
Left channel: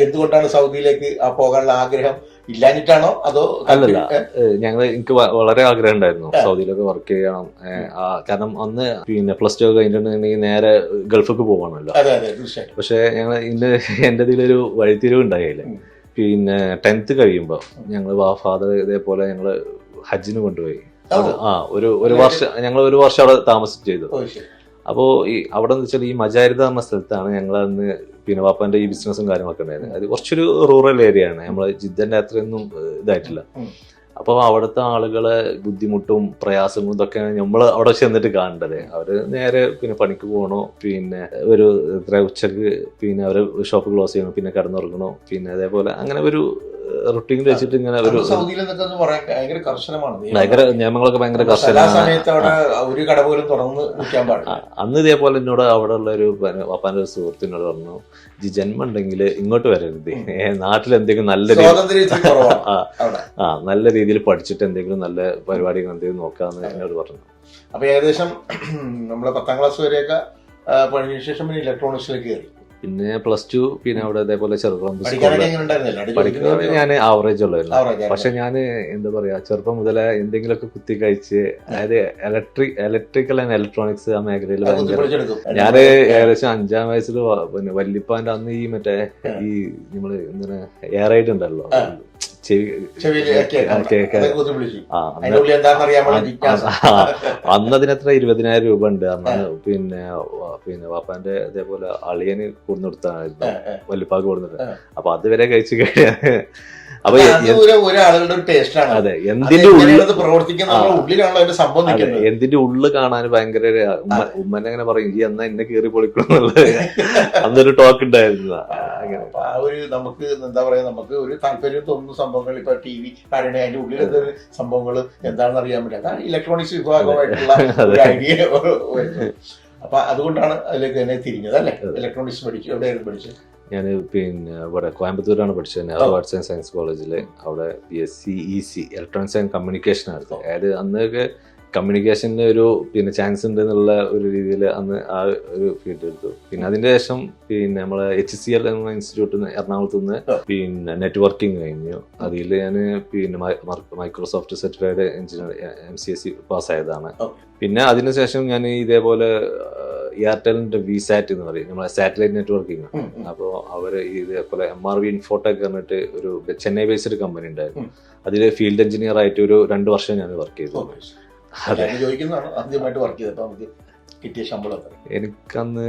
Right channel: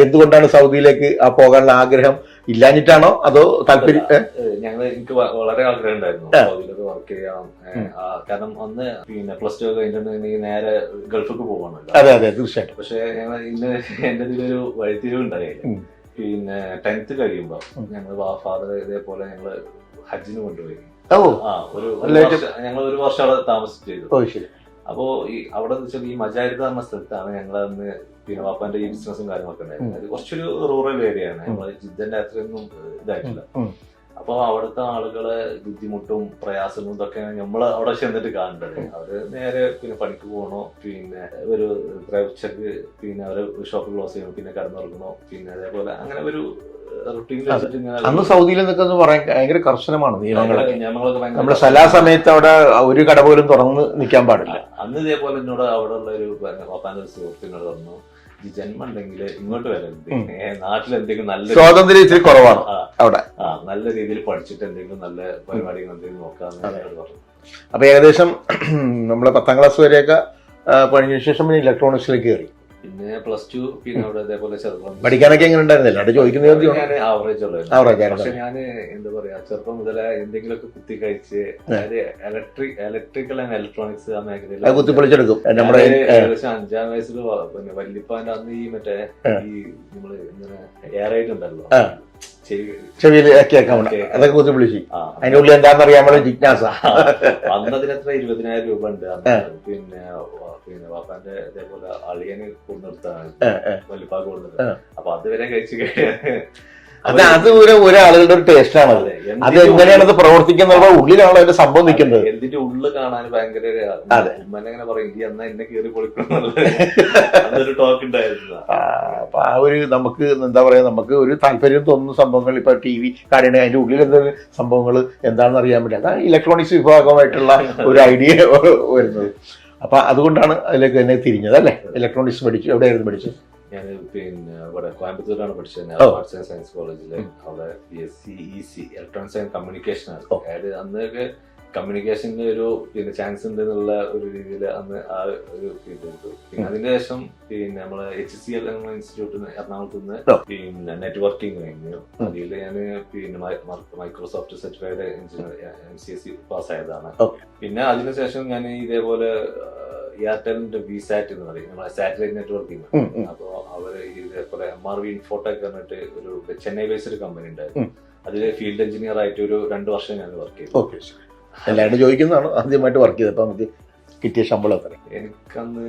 എന്തുകൊണ്ടാണ് സൗദിയിലേക്ക് പോകാനുള്ള ആഗ്രഹം? ഇല്ലാഞ്ഞിട്ടാണോ അതോ താല്പര്യം? എനിക്ക് വളരെ ആഗ്രഹം ഉണ്ടായിരുന്നു സൗദിയിലൊക്കെ വർക്ക് ചെയ്യണം. കാരണം അന്ന് പിന്നെ +2 കഴിഞ്ഞിട്ടുണ്ടെങ്കിൽ നേരെ ഗൾഫിലേക്ക് പോകണമല്ലോ. പക്ഷെ ഞങ്ങൾ എന്റെ ഇതിലൊരു വഴിത്തിരിവ് ഉണ്ടായില്ല. പിന്നെ 10th കഴിയുമ്പോ ഞങ്ങള് ഫാദർ ഇതേപോലെ ഞങ്ങള് ഹജ്ജിന് കൊണ്ടുപോയി. ഞങ്ങൾ ഒരു വർഷം അവിടെ താമസം ചെയ്തു. അപ്പോ ഈ അവിടെ എന്ന് വെച്ചാൽ ഈ മജാരിദ എന്ന സ്ഥലത്താണ് ഞങ്ങൾ അന്ന് പിന്നെ വാപ്പാന്റെ ഈ ബിസിനസ്സും കാര്യങ്ങളൊക്കെ ഉണ്ടായിരുന്നത്. അത് കുറച്ചൊരു റൂറൽ ഏരിയ ആണ്, നമ്മള് ജിദ്ദന്റെ അത്രയൊന്നും ഇതായിട്ടില്ല. അപ്പൊ അവിടുത്തെ ആളുകളെ ബുദ്ധിമുട്ടും പ്രയാസവും ഇതൊക്കെയാണ് നമ്മൾ അവിടെ ചെന്നിട്ട് കാണേണ്ടത്. അവര് നേരെ പിന്നെ പണിക്ക് പോകണോ, പിന്നെ ഒരു ഉച്ചക്ക് പിന്നെ അവര് ഷോപ്പ് ക്ലോസ് ചെയ്യണോ, പിന്നെ കിടന്നുറങ്ങണോ, പിന്നെ അതേപോലെ അങ്ങനെ ഒരു റൊട്ടീനിൽ വെച്ചിട്ട് ഇങ്ങനെ. സൗദിയിൽ എന്നൊക്കെ പറയാൻ ഭയങ്കര കർശനമാണ് നിയമങ്ങളൊക്കെ, ഭയങ്കര സമയത്ത് അവിടെ ഒരു കട പോലും തുറന്ന് നിൽക്കാൻ പാടില്ല. അന്ന് ഇതേപോലെ എന്നോട് അവിടെ ഉള്ള ഒരു വാപ്പാന്റെ ഒരു സുഹൃത്തിനോട് പറഞ്ഞു, ജന്മം ഉണ്ടെങ്കിൽ ഇങ്ങോട്ട് വരരുത്, നാട്ടിൽ എന്തെങ്കിലും നല്ല നല്ല രീതിയിൽ പഠിച്ചിട്ട് എന്തെങ്കിലും നല്ല പരിപാടികൾ എന്തെങ്കിലും നോക്കാന്ന് എന്നോട് പറഞ്ഞു. അപ്പൊ ഏകദേശം നമ്മള് 10ാം ക്ലാസ് വരെയൊക്കെ പഠിച്ച ശേഷം ഇലക്ട്രോണിക്സിലേക്ക് കയറി. പിന്നെ +2 പിന്നെ അവിടെ അതേപോലെ ചെറുപ്പം പഠിക്കാനൊക്കെ എങ്ങനെ ഉണ്ടായിരുന്നില്ല ചോദിക്കുന്നത്? ഞാൻ ആവറേജ് ഉള്ളായിരുന്നു. Average പക്ഷെ ഞാൻ എന്താ പറയാ ചെറുപ്പം മുതലേ എന്തെങ്കിലുമൊക്കെ കുത്തി കഴിച്ച്, അതായത് ഇലക്ട്രിക്കൽ ആൻഡ് ഇലക്ട്രോണിക്സ് ആ മേഖലയിൽ ഞാൻ ഏകദേശം 5ാം വയസ്സിൽ പിന്നെ വല്യപ്പാന്റെ അന്ന് ഈ മറ്റേ ഈ നമ്മള് എന്താണ് എയറൈഡ് ഉണ്ടല്ലോ അന്ന് അതിനെത്ര 20,000 രൂപ ഉണ്ട്. പിന്നെ വാപ്പാന്റെ അതേപോലെ അളിയന് കൊടുന്നിടത്താണ് വല്യപ്പാക്ക് കൊടുത്തിട്ട്. അപ്പൊ അതുവരെ കഴിച്ചു കഴിയാൻ ഒരാളുടെ ഒരു ടേസ്റ്റ് ആണ്. അതെ, പ്രവർത്തിക്കുന്ന ഉള്ളിലാണ് അതിന്റെ സംഭവം നിൽക്കുന്നത്. എന്തിന്റെ ഉള്ളു കാണാൻ ഭയങ്കര ഉമ്മനെ അങ്ങനെ പറയും ഈ എന്നാ എന്നെ കയറി പൊളിക്കണമെന്നുള്ള അന്നൊരു ടോക്ക് ഉണ്ടായിരുന്നു. അപ്പൊ ആ ഒരു നമുക്ക് എന്താ പറയാ നമുക്ക് ഒരു താല്പര്യം തോന്നുന്ന സംഭവങ്ങൾ ഇപ്പൊ TV കാണണേ അതിന്റെ ഉള്ളിൽ എന്തെങ്കിലും സംഭവങ്ങൾ എന്താണെന്ന് അറിയാൻ പറ്റില്ല. അതാണ് ഇലക്ട്രോണിക്സ് വിഭാഗമായിട്ടുള്ള ഒരു ഐഡിയ വരുന്നത്. അപ്പൊ അതുകൊണ്ടാണ് അതിലേക്ക് തന്നെ തിരിഞ്ഞത് അല്ലെ? ഇലക്ട്രോണിക്സ് പഠിച്ചു. എവിടെയായിരുന്നു പഠിച്ചത്? ഞാൻ പിന്നെ ഇവിടെ കോയമ്പത്തൂരാണ് പഠിച്ചത്. ആർട്സ് ആൻഡ് സയൻസ് കോളേജില്. അവിടെ BSc EC electronics and communication ആയിരുന്നു. അതായത് അന്നൊക്കെ കമ്മ്യൂണിക്കേഷന്റെ ഒരു പിന്നെ ചാൻസ് ഉണ്ട് എന്നുള്ള ഒരു രീതിയിൽ അന്ന് ആ ഒരു ഫീൽഡ് എടുത്തു. പിന്നെ അതിന്റെ ശേഷം പിന്നെ നമ്മളെ HCL ഇൻസ്റ്റിറ്റ്യൂട്ടിൽ നിന്ന് എറണാകുളത്ത് നിന്ന് പിന്നെ നെറ്റ്വർക്കിംഗ് കഴിഞ്ഞു. അതിൽ ഞാൻ പിന്നെ മൈക്രോസോഫ്റ്റ് സർട്ടിഫൈഡ് എഞ്ചിനീയർ MCSE പാസ്സായതാണ്. പിന്നെ അതിനുശേഷം ഞാൻ ഇതേപോലെ എയർടെലിന്റെ VSAT എന്ന് പറയും, നമ്മളെ സാറ്റലൈറ്റ് നെറ്റ്വർക്കിംഗ്. അപ്പോ അവര് ഇതേപോലെ MRV ഇൻഫോടെക് പറഞ്ഞിട്ട് ഒരു ചെന്നൈ ബേസ്ഡ് കമ്പനി ഉണ്ടായിരുന്നു. അതില് ഫീൽഡ് എഞ്ചിനീയർ ആയിട്ട് ഒരു 2 വർഷം ഞാൻ വർക്ക് ചെയ്തു. ചോദിക്കുന്നതാണ് ആദ്യമായിട്ട് വർക്ക് ചെയ്തത്. അപ്പൊ നമുക്ക് കിട്ടിയ ശമ്പളം എത്ര? എനിക്കന്ന്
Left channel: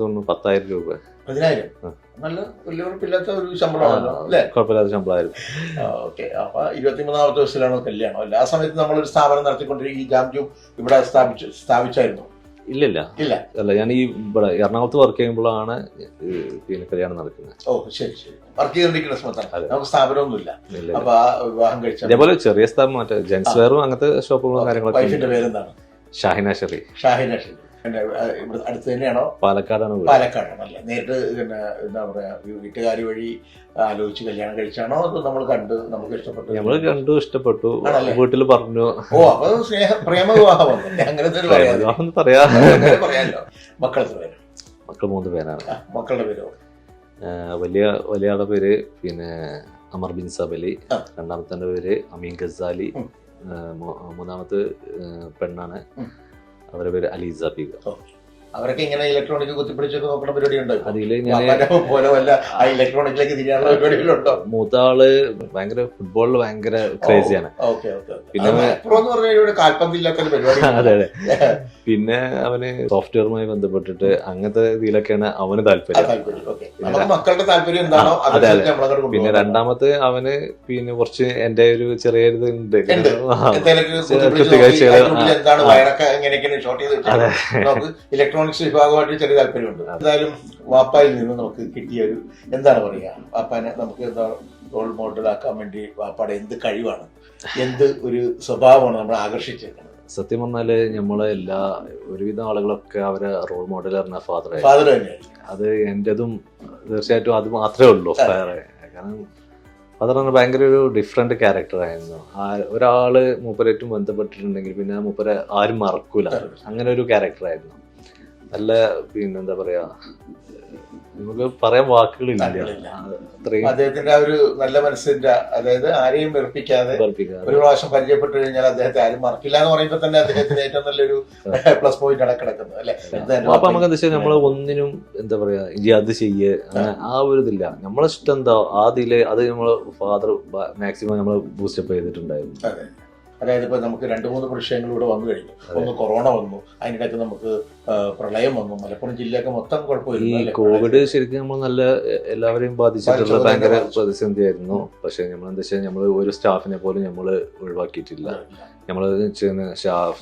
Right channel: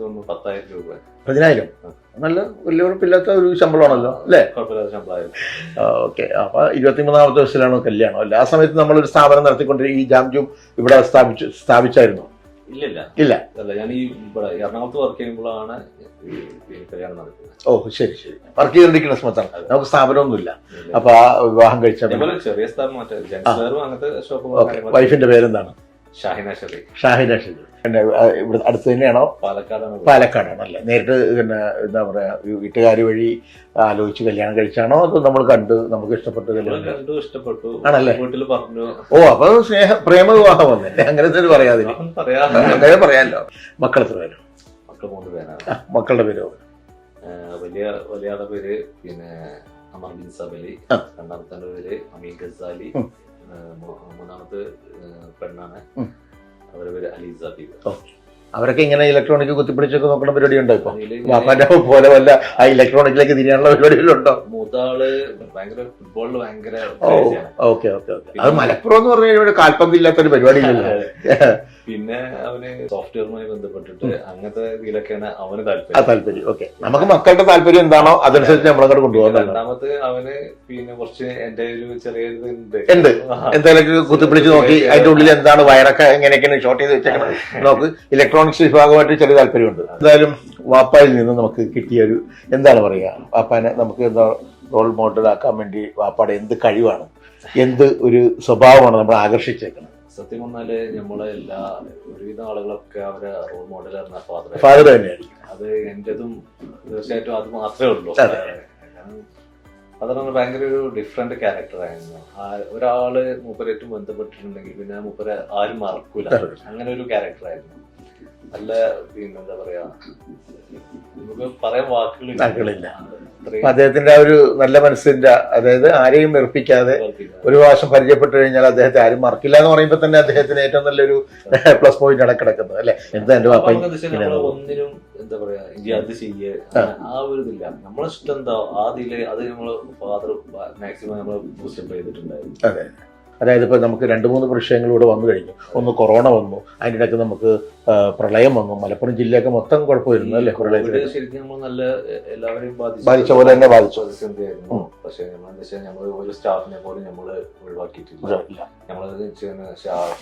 തോന്നുന്നു 10,000 രൂപ. 10,000? നല്ല വലിയ ഉറപ്പില്ലാത്ത ഒരു ശമ്പളമാണല്ലോ അല്ലേ? കുഴപ്പമില്ലാത്ത ശമ്പളമായിരുന്നു. ഓക്കെ. അപ്പൊ 23ാമത്തെ വയസ്സിലാണ് കല്യാണം അല്ലേ? ആ സമയത്ത് നമ്മളൊരു സ്ഥാപനം നടത്തിക്കൊണ്ടിരിക്കും. ഈ ജാംജും ഇവിടെ സ്ഥാപിച്ചായിരുന്നു? ഇല്ല അല്ല, ഞാൻ ഈ ഇവിടെ എറണാകുളത്ത് വർക്ക് ചെയ്യുമ്പോഴാണ് പിന്നെ കല്യാണം നടക്കുന്നത്. ഓ ശരി. വർക്ക് ചെയ്തോണ്ടിരിക്കുന്ന സമയത്താണ്? നമുക്ക് സ്ഥാപനമൊന്നുമില്ല. അപ്പൊ ആ വിവാഹം കഴിച്ച അതേപോലെ ചെറിയ സ്ഥാപനം, മറ്റേ ജെൻസ് വെയറും അങ്ങനത്തെ ഷോപ്പുകളും. വൈഫിന്റെ പേരെന്താണ്? ഷാഹിന ഷെറി. ഇവിടെ അടുത്ത് തന്നെയാണോ? പാലക്കാടാണല്ലേ? നേരിട്ട് പിന്നെ എന്താ പറയാ വീട്ടുകാർ വഴി ആലോചിച്ച് കല്യാണം കഴിച്ചാണോ അതോ നമ്മൾ കണ്ട് നമുക്ക് ഇഷ്ടപ്പെട്ടു ആണല്ലേ? വീട്ടിൽ പറഞ്ഞു. ഓ അപ്പൊ പ്രേമ വിവാഹം വന്നല്ലേ? അങ്ങനത്തെ പറയാമല്ലോ. മക്കൾ എത്ര പേര്? മക്കൾ 3 പേരാണ്. മക്കളുടെ പേരോ? വലിയ ആളുടെ പേര് പിന്നെ അമർ ബിൻ സബലി, രണ്ടാമത്തെ പേര് അമീൻ ഗസാലി, മൂന്നാമത്തെ പെണ്ണാണ്, അവരുടെ പേര് അലീസ ബീഗ. അവരൊക്കെ ഇങ്ങനെ ഇലക്ട്രോണിക് കുത്തിപ്പിടിച്ചൊക്കെ നോക്കുന്ന പരിപാടി ഉണ്ടോ? പോലെ വല്ല ആ ഇലക്ട്രോണിക്കിലേക്ക് തിരിയാനുള്ള പരിപാടികളുണ്ടോ? മൂത്താള് ഭയങ്കര ഫുട്ബോളിൽ ഭയങ്കര ക്രേസിയാണ്. പിന്നെ മലപ്പുറം എന്ന് പറഞ്ഞാൽ കാൽപന്തില്ലാത്തൊരു പരിപാടി. പിന്നെ അവന് സോഫ്റ്റ്വെയറുമായി ബന്ധപ്പെട്ടിട്ട് അങ്ങനത്തെ ഇതിലൊക്കെയാണ് അവന് താല്പര്യം. നമുക്ക് മക്കളുടെ താല്പര്യം എന്താണോ അതനുസരിച്ച് നമ്മളങ്ങോട്ട് കൊണ്ടുപോകും. രണ്ടാമത്തെ അവന് പിന്നെ കുറച്ച് എന്റെ ഒരു ചെറിയൊരു ഇത് ഉണ്ട്. എന്തെങ്കിലും കുത്തിപ്പിടിച്ച് നോക്കി അതിന്റെ ഉള്ളിൽ എന്താണ് വയറൊക്കെ എങ്ങനെയൊക്കെയാണ് ഷോർട്ട് ചെയ്ത് വെച്ചാൽ നമുക്ക് ഇലക്ട്രോണിക്സ് വിഭാഗമായിട്ട് ചെറിയ താല്പര്യമുണ്ട്. എന്തായാലും വാപ്പായിൽ നിന്ന് നമുക്ക് കിട്ടിയ ഒരു എന്താണ് പറയുക, വാപ്പാനെ നമുക്ക് എന്താ റോൾ മോഡൽ ആക്കാൻ വേണ്ടി വാപ്പാടെ എന്ത് കഴിവാണ്, എന്ത് ഒരു സ്വഭാവമാണ് നമ്മൾ ആകർഷിച്ചേക്കുന്നത്? സത്യം പറഞ്ഞാല് നമ്മളെ ഒരുവിധ ആളുകളൊക്കെ അവരെ റോൾ മോഡൽ പറഞ്ഞ ഫാദർ തന്നെയാണ്. അത് എന്റേതും തീർച്ചയായിട്ടും അത് മാത്രമേ ഉള്ളൂ. കാരണം ഫാദർ പറഞ്ഞാൽ ഭയങ്കര ഒരു ഡിഫറെന്റ് ക്യാരക്ടർ ആയിരുന്നു. ഒരാള് മൂപ്പരായിട്ടും ബന്ധപ്പെട്ടിട്ടുണ്ടെങ്കിൽ പിന്നെ മൂപ്പരെ ആരും മറക്കൂല, അങ്ങനെ ഒരു ക്യാരക്ടർ ആയിരുന്നു. നല്ല പിന്നെ എന്താ പറയാ, നമുക്ക് പറയാൻ വാക്കുകളില്ല. അദ്ദേഹത്തിന്റെ ആ ഒരു നല്ല മനസ്സിന്റെ, അതായത് ആരെയും വെറുപ്പിക്കാതെ ഒരു പ്രാവശ്യം പരിചയപ്പെട്ടു കഴിഞ്ഞാൽ അദ്ദേഹത്തെ ആരും മറക്കില്ല എന്ന് പറയുമ്പോൾ തന്നെ അദ്ദേഹത്തിന് ഏറ്റവും നല്ലൊരു പ്ലസ് പോയിന്റ് ആണ് കിടക്കുന്നത് അല്ലെ? നമ്മള് ഒന്നിനും എന്താ പറയാ ഇനി അത് ചെയ്യേ ആ ഒരു ഇതില്ല. നമ്മളെ ഇഷ്ടം എന്താ ആദ്യയില് അത് നമ്മള് ഫാദർ മാക്സിമം നമ്മള് ബൂസ്റ്റപ്പ് ചെയ്തിട്ടുണ്ടായിരുന്നു. അതായത് ഇപ്പൊ നമുക്ക് 2-3 വിഷയങ്ങളിലൂടെ വന്നു കഴിഞ്ഞു. ഒന്ന് കൊറോണ വന്നു, അതിൻ്റെ ഇടയ്ക്ക് നമുക്ക് പ്രളയം വന്നു, മലപ്പുറം ജില്ലയൊക്കെ മൊത്തം കുഴപ്പമായിരുന്നു. കോവിഡ് ശരിക്കും നമ്മൾ നല്ല എല്ലാവരെയും ബാധിച്ചു പ്രതിസന്ധിയായിരുന്നു. പക്ഷെ നമ്മളെന്താ വെച്ചാൽ നമ്മള് ഒരു സ്റ്റാഫിനെ പോലും നമ്മള് ഒഴിവാക്കിയിട്ടില്ല. നമ്മള്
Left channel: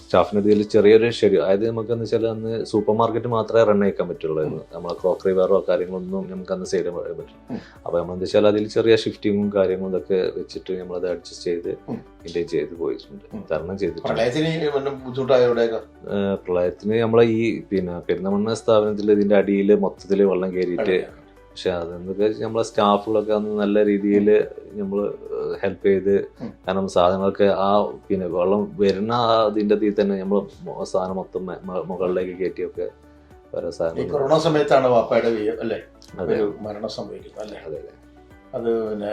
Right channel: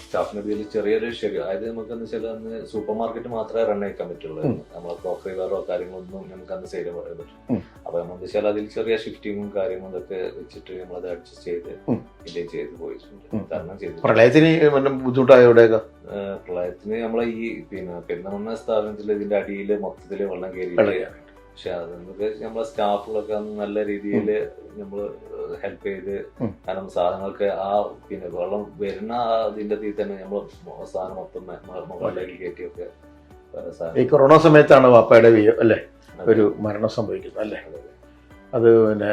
സ്റ്റാഫിന്റെ ഇതിൽ ചെറിയൊരു ശരി, അതായത് നമുക്ക് എന്താ വെച്ചാൽ അന്ന് സൂപ്പർ മാർക്കറ്റ് മാത്രമേ റൺ ആക്കാൻ പറ്റുള്ളൂ. നമ്മളെ ക്രോക്കറി വെയറോ കാര്യങ്ങളൊന്നും നമുക്ക് അന്ന് സെയിൽ ചെയ്യാൻ പറ്റും. അപ്പൊ നമ്മളെന്താ വെച്ചാൽ അതിൽ ചെറിയ ഷിഫ്റ്റിങ്ങും കാര്യങ്ങളും ഇതൊക്കെ വെച്ചിട്ട് നമ്മളത് അഡ്ജസ്റ്റ് ചെയ്ത് മെയിൻറ്റെയിൻ ചെയ്ത് പോയിട്ടുണ്ട്, തരണം ചെയ്തിട്ടുണ്ട്. പ്രളയത്തിന് നമ്മളെ ഈ പിന്നെ പെരുന്തമണ്ണ സ്ഥാപനത്തിൽ ഇതിന്റെ അടിയിൽ മൊത്തത്തില് വെള്ളം കയറിയിട്ട്, പക്ഷെ അതെന്നൊക്കെ നമ്മളെ സ്റ്റാഫുകളൊക്കെ അന്ന് നല്ല രീതിയിൽ നമ്മള് ഹെൽപ്പ് ചെയ്ത്, കാരണം സാധനങ്ങളൊക്കെ ആ പിന്നെ വെള്ളം വരുന്ന അതിന്റെ ഇതിൽ തന്നെ നമ്മള് സാധനം മൊത്തം മുകളിലേക്ക് കയറ്റിയൊക്കെ ഈ കൊറോണ സമയത്താണ് വാപ്പയുടെ അല്ലേ? ഒരു മരണം സംഭവിക്കുന്നത് അല്ലേ? അതെ. അത് പിന്നെ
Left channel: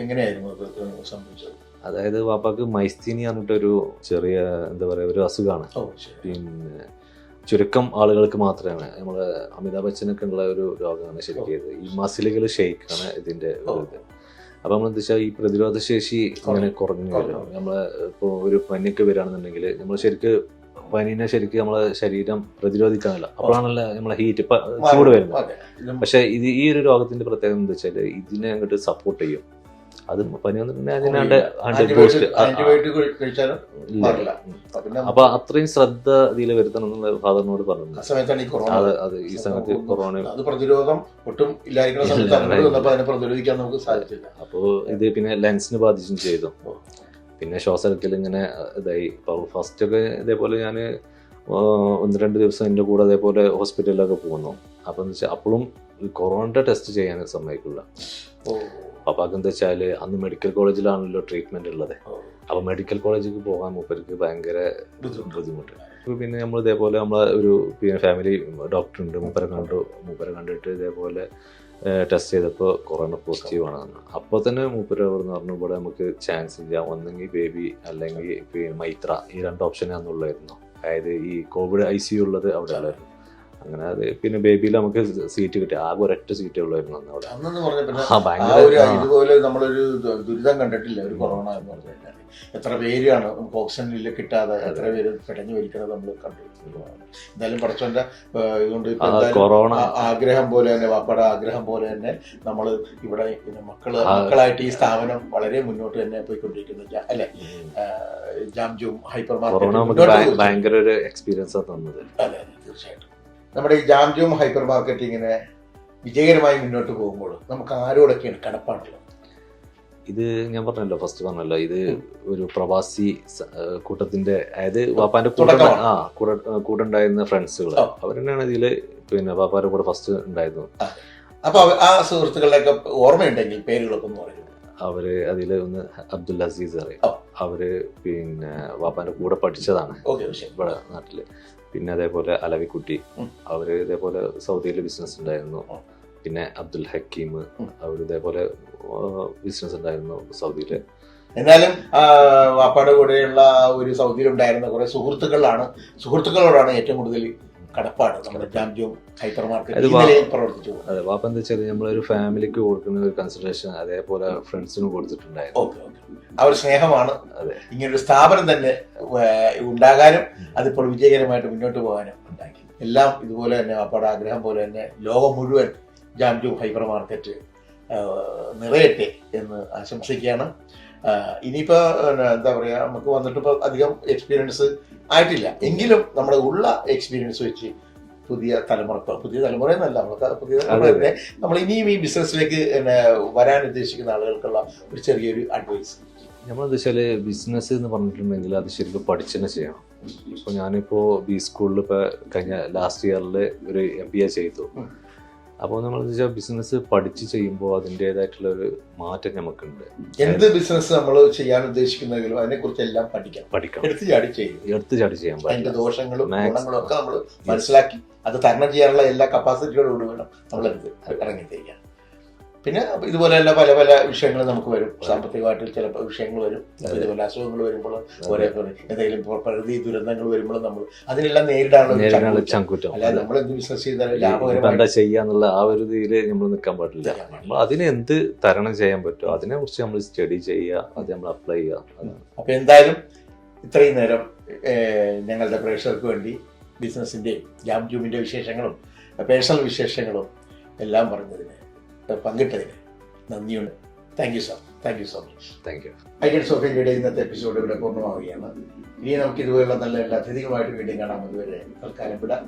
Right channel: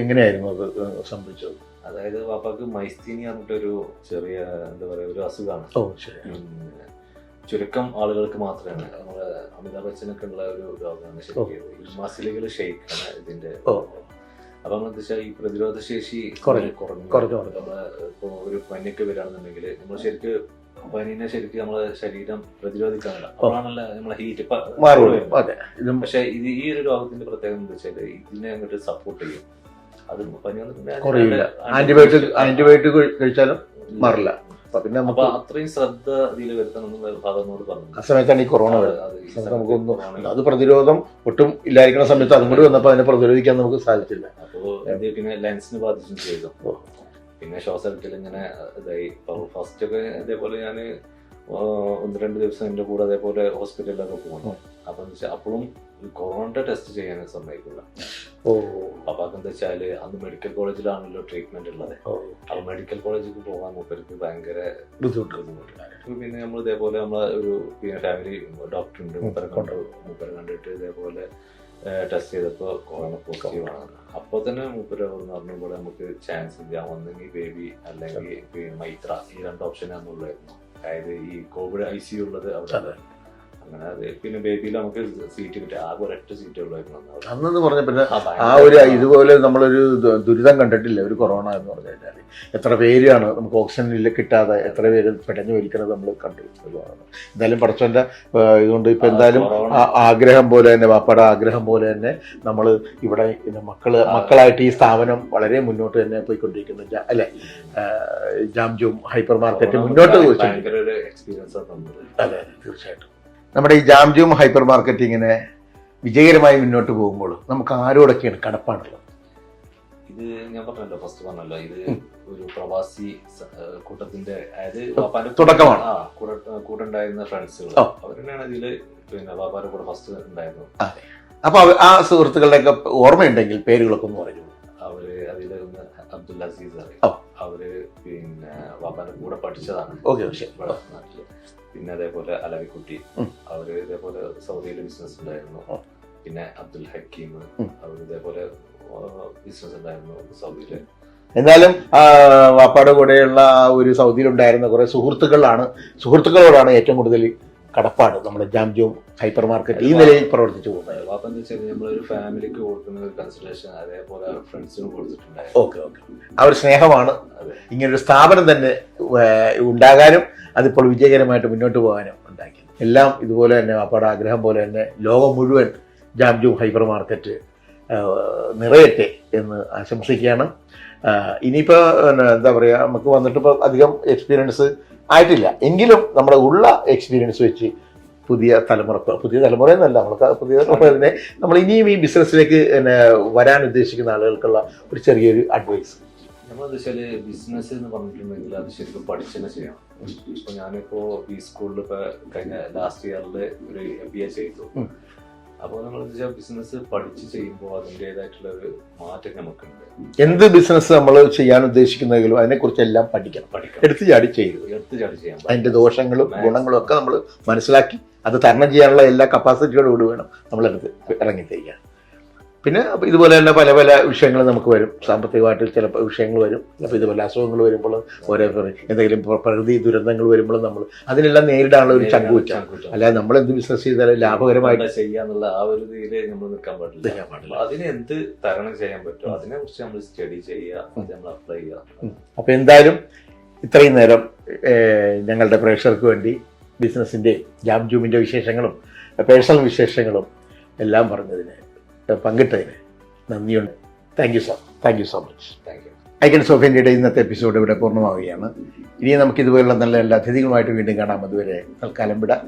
എങ്ങനെയായിരുന്നു അത് സംഭവിച്ചത്? അതായത് വാപ്പാക്ക് മൈസ്തീനി പറഞ്ഞിട്ടൊരു ചെറിയ എന്താ പറയാ ഒരു അസുഖമാണ്. പിന്നെ ചുരുക്കം ആളുകൾക്ക് മാത്രമാണ്, നമ്മളെ അമിതാഭ് ബച്ചനൊക്കെ ഉള്ള ഒരു രോഗമാണ് ശരിക്കും. ഈ മസിലുകൾ ഷെയ്ക്കാണ് ഇതിന്റെ ഇത്. അപ്പൊ നമ്മൾ എന്താ വെച്ചാൽ ഈ പ്രതിരോധ ശേഷി കുറഞ്ഞു. നമ്മളെ ഇപ്പൊ ഒരു പനിയൊക്കെ വരികയാണെന്നുണ്ടെങ്കിൽ നമ്മൾ ശരിക്ക് പനീനെ ശരിക്കും നമ്മളെ ശരീരം പ്രതിരോധിക്കാനല്ല, അപ്പോഴാണല്ലോ നമ്മളെ ഹീറ്റ് ചൂട് വരുന്നത്. പക്ഷെ ഇത് ഈ ഒരു രോഗത്തിന്റെ പ്രത്യേകത എന്താ വെച്ചാല് ഇതിനെ അങ്ങോട്ട് സപ്പോർട്ട് ചെയ്യും. അത് പനി അപ്പൊ അത്രയും ശ്രദ്ധ ഇതിൽ വരുത്തണം എന്നുള്ള ഫാദറിനോട് പറഞ്ഞു. അത് പ്രതിരോധം ഒട്ടും ഇല്ലായിരിക്കുന്ന സമയത്ത് അങ്ങോട്ട് വന്നപ്പോ അതിനെ പ്രതിരോധിക്കാൻ നമുക്ക് സാധിച്ചില്ല. അപ്പോ ഇത് പിന്നെ ലെൻസിന് ബാധിച്ചും ചെയ്തു. പിന്നെ ശ്വാസത്തിൽ ഇങ്ങനെ ഇതായി. ഫസ്റ്റ് ഒക്കെ ഇതേപോലെ ഞാൻ 1-2 ദിവസം എൻ്റെ കൂടെ അതേപോലെ ഹോസ്പിറ്റലിലൊക്കെ പോകുന്നു. അപ്പൊ എന്താ വെച്ചാൽ അപ്പോഴും കൊറോണയുടെ ടെസ്റ്റ് ചെയ്യാൻ സമ്മതിക്കില്ല. പപ്പാക്ക് എന്താ വെച്ചാല് അന്ന് മെഡിക്കൽ കോളേജിലാണല്ലോ ട്രീറ്റ്മെന്റ് ഉള്ളത്. അപ്പൊ മെഡിക്കൽ കോളേജിലേക്ക് പോകാൻ മൂപ്പർക്ക് ഭയങ്കര ബുദ്ധിമുട്ട്. പിന്നെ നമ്മൾ ഇതേപോലെ നമ്മളെ ഒരു ഫാമിലി ഡോക്ടർ ഉണ്ട്, മൂപ്പരെ കണ്ടിട്ട് ഇതേപോലെ ടെസ്റ്റ് ചെയ്തപ്പോൾ കൊറോണ പോസിറ്റീവ് ആണ്. അപ്പോൾ തന്നെ മൂപ്പര് പറഞ്ഞു ഇവിടെ നമുക്ക് ചാൻസ് ഇല്ല, ഒന്നെങ്കിൽ ബേബി അല്ലെങ്കിൽ മൈത്ര, ഈ 2 ഓപ്ഷനാന്നുള്ളായിരുന്നു. അതായത് ഈ കോവിഡ് ICU ഉള്ളത് അവിടെ ഉള്ളത്. അങ്ങനെ അത് പിന്നെ ബേബിയിൽ നമുക്ക് സീറ്റ് കിട്ടി, ആകെ ഒരൊറ്റ സീറ്റേ ഉള്ളായിരുന്നു അന്നെന്ന് പറഞ്ഞ. പിന്നെ ആ ഒരു ഇതുപോലെ നമ്മളൊരു ദുരിതം കണ്ടിട്ടില്ല ഒരു കൊറോണ എന്ന് പറഞ്ഞു കഴിഞ്ഞാൽ. എത്ര പേരാണ് നമുക്ക് ഓക്സിജനിൽ കിട്ടാതെ എത്ര പേര് പെട്ടെന്ന് മരിക്കുന്നത് നമ്മൾ കണ്ടു. എന്തായാലും പടച്ചോന്റെ ഇതുകൊണ്ട് ഇപ്പൊ എന്തായാലും ആഗ്രഹം പോലെ തന്നെ, വാപ്പയുടെ ആഗ്രഹം പോലെ തന്നെ നമ്മൾ ഇവിടെ മക്കളായിട്ട് ഈ സ്ഥാപനം വളരെ മുന്നോട്ട് തന്നെ പോയിക്കൊണ്ടിരിക്കുന്നു അല്ലെ? ജാംജൂം ഹൈപ്പർ മാർക്കറ്റ് മുന്നോട്ട് ഭയങ്കര ഒരു എക്സ്പീരിയൻസ് തന്നത്. അതെ, തീർച്ചയായിട്ടും. നമ്മുടെ ഈ ജാംജൂം ഹൈപ്പർ മാർക്കറ്റ് ഇങ്ങനെ വിജയകരമായി മുന്നോട്ട് പോകുമ്പോൾ നമുക്ക് ആരോടൊക്കെയാണ് കടപ്പാടുള്ളത്? ഇത് ഞാൻ പറഞ്ഞല്ലോ, ഫസ്റ്റ് പറഞ്ഞല്ലോ, ഇത് ഒരു പ്രവാസി കൂട്ടത്തിന്റെ, അതായത് വാപ്പാന്റെ കൂടെ ഉണ്ടായിരുന്ന ഫ്രണ്ട്സുകൾ അവർ തന്നെയാണ് ഇതില്. പിന്നെ വാപ്പാന്റെ കൂടെ ഫസ്റ്റ് ഉണ്ടായിരുന്നു. അപ്പൊ ആ സുഹൃത്തുക്കളുടെയൊക്കെ ഓർമ്മയുണ്ടെങ്കിൽ പേരുകളൊക്കെ പറയും. അവര് അതില് ഒന്ന് അബ്ദുൽ അസീസ് അറിയാം. അവര് പിന്നെ വാപ്പാന്റെ കൂടെ പഠിച്ചതാണ് ഇവിടെ നാട്ടില്. പിന്നെ അതേപോലെ അലവിക്കുട്ടി, അവര് ഇതേപോലെ സൗദിയില് ബിസിനസ് ഉണ്ടായിരുന്നു. പിന്നെ അബ്ദുൽ ഹക്കീം, അവര് ഇതേപോലെ ബിസിനസ് ഉണ്ടായിരുന്നു സൗദിയില്. എന്നാലും വാപ്പാടെ കൂടെയുള്ള ഒരു സൗദിയിലുണ്ടായിരുന്ന കുറെ സുഹൃത്തുക്കളോടാണ് ഏറ്റവും കൂടുതൽ കടപ്പാട് നമ്മുടെ ജാംജൂം ഹൈപ്പർ മാർക്കറ്റ് ഈ നിലയിൽ പ്രവർത്തിച്ചു പോകുന്നത്. അതെ, വാപ്പ എന്താ വെച്ചാൽ നമ്മളൊരു ഫാമിലിക്ക് കൊടുക്കുന്ന ഒരു കൺസിഡറേഷൻ അതേപോലെ ഫ്രണ്ട്സിന് കൊടുത്തിട്ടുണ്ടായിരുന്നു. ഓക്കെ. ആ ഒരു സ്നേഹമാണ് ഇങ്ങനൊരു സ്ഥാപനം തന്നെ ഉണ്ടാകാനും അതിപ്പോൾ വിജയകരമായിട്ട് മുന്നോട്ട് പോകാനും ഉണ്ടാക്കി. എല്ലാം ഇതുപോലെ തന്നെ വാപ്പാടെ ആഗ്രഹം പോലെ തന്നെ ലോകം മുഴുവൻ ജാംജൂം ഹൈപ്പർ മാർക്കറ്റ് നിറയട്ടെ എന്ന് ആശംസിക്കുകയാണ്. ഇനിയിപ്പോൾ എന്താ പറയുക, നമുക്ക് വന്നിട്ടിപ്പോൾ അധികം എക്സ്പീരിയൻസ് ആയിട്ടില്ല എങ്കിലും നമ്മുടെ ഉള്ള എക്സ്പീരിയൻസ് വെച്ച് പുതിയ തലമുറ എന്നല്ല, നമുക്ക് നമ്മൾ ഇനിയും ഈ ബിസിനസ്സിലേക്ക് വരാൻ ഉദ്ദേശിക്കുന്ന ആളുകൾക്കുള്ള ഒരു ചെറിയൊരു അഡ്വൈസ്. നമ്മളെന്താ വെച്ചാല് ബിസിനസ് എന്ന് പറഞ്ഞിട്ടുണ്ടെങ്കിൽ അത് ശരിക്കും പഠിച്ചു തന്നെ ചെയ്യണം. ഇപ്പൊ ഞാനിപ്പോ ബി സ്കൂളിൽ ഇപ്പൊ കഴിഞ്ഞ ലാസ്റ്റ് ഇയറിൽ ഒരു MBA ചെയ്തു. അപ്പോൾ നമ്മൾ ബിസിനസ് പഠിച്ച് ചെയ്യുമ്പോൾ അതിൻ്റെതായിട്ടുള്ള ഒരു മാറ്റം നമുക്കുണ്ട്. എന്ത് ബിസിനസ് നമ്മൾ ചെയ്യാൻ ഉദ്ദേശിക്കുന്നതെങ്കിലും അതിനെക്കുറിച്ച് എല്ലാം പഠിക്കണം. എടുത്തു ചാടി ചെയ്യാൻ അതിന്റെ ദോഷങ്ങളും ഗുണങ്ങളും ഒക്കെ നമ്മൾ മനസ്സിലാക്കി അത് തരണം ചെയ്യാനുള്ള എല്ലാ കപ്പാസിറ്റിയോടുകൂടി വേണം നമ്മൾ ഇറങ്ങിത്തിരിക്കാൻ. പിന്നെ ഇതുപോലെ തന്നെ പല പല വിഷയങ്ങൾ നമുക്ക് വരും. സാമ്പത്തികമായിട്ട് ചില വിഷയങ്ങൾ വരും. അപ്പോൾ ഇതുപോലെ അസുഖങ്ങൾ വരുമ്പോൾ ഓരോ എന്തെങ്കിലും പ്രകൃതി ദുരന്തങ്ങൾ വരുമ്പോഴും നമ്മൾ അതിനെല്ലാം നേരിടാനുള്ള ഒരു ചങ്കൂറ്റം. അല്ലാതെ നമ്മൾ എന്ത് ബിസിനസ് ചെയ്താലും ലാഭകരമായിട്ട് ചെയ്യാന്നുള്ള ആ ഒരു രീതിയിൽ നമ്മൾ നിൽക്കാൻ പാടില്ല. അതിനെ എന്ത് തരണം ചെയ്യാൻ പറ്റുമോ അതിനെ കുറിച്ച് നമ്മൾ സ്റ്റഡി ചെയ്യുക, അത് നമ്മൾ അപ്ലൈ ചെയ്യുക. അപ്പോൾ എന്തായാലും ഇത്രയും നേരം ഞങ്ങളുടെ പ്രേക്ഷകർക്ക് വേണ്ടി ബിസിനസിൻ്റെയും ജാംജൂമിൻ്റെ വിശേഷങ്ങളും പേഴ്സണൽ വിശേഷങ്ങളും എല്ലാം പറഞ്ഞതിന് പങ്കിട്ടതിന് നന്ദിയുണ്ട്. Thank you so much. Thank you. Icon സോഫിയയുടെ ഇന്നത്തെ എപ്പിസോഡ് ഇവിടെ പൂർണ്ണമാവുകയാണ്. ഇനി നമുക്ക് ഇതുപോലുള്ള നല്ല എല്ലാ അതിഥികളുമായിട്ട് വീണ്ടും കാണാം. അതുവരെ തൽക്കാലം വിടാം.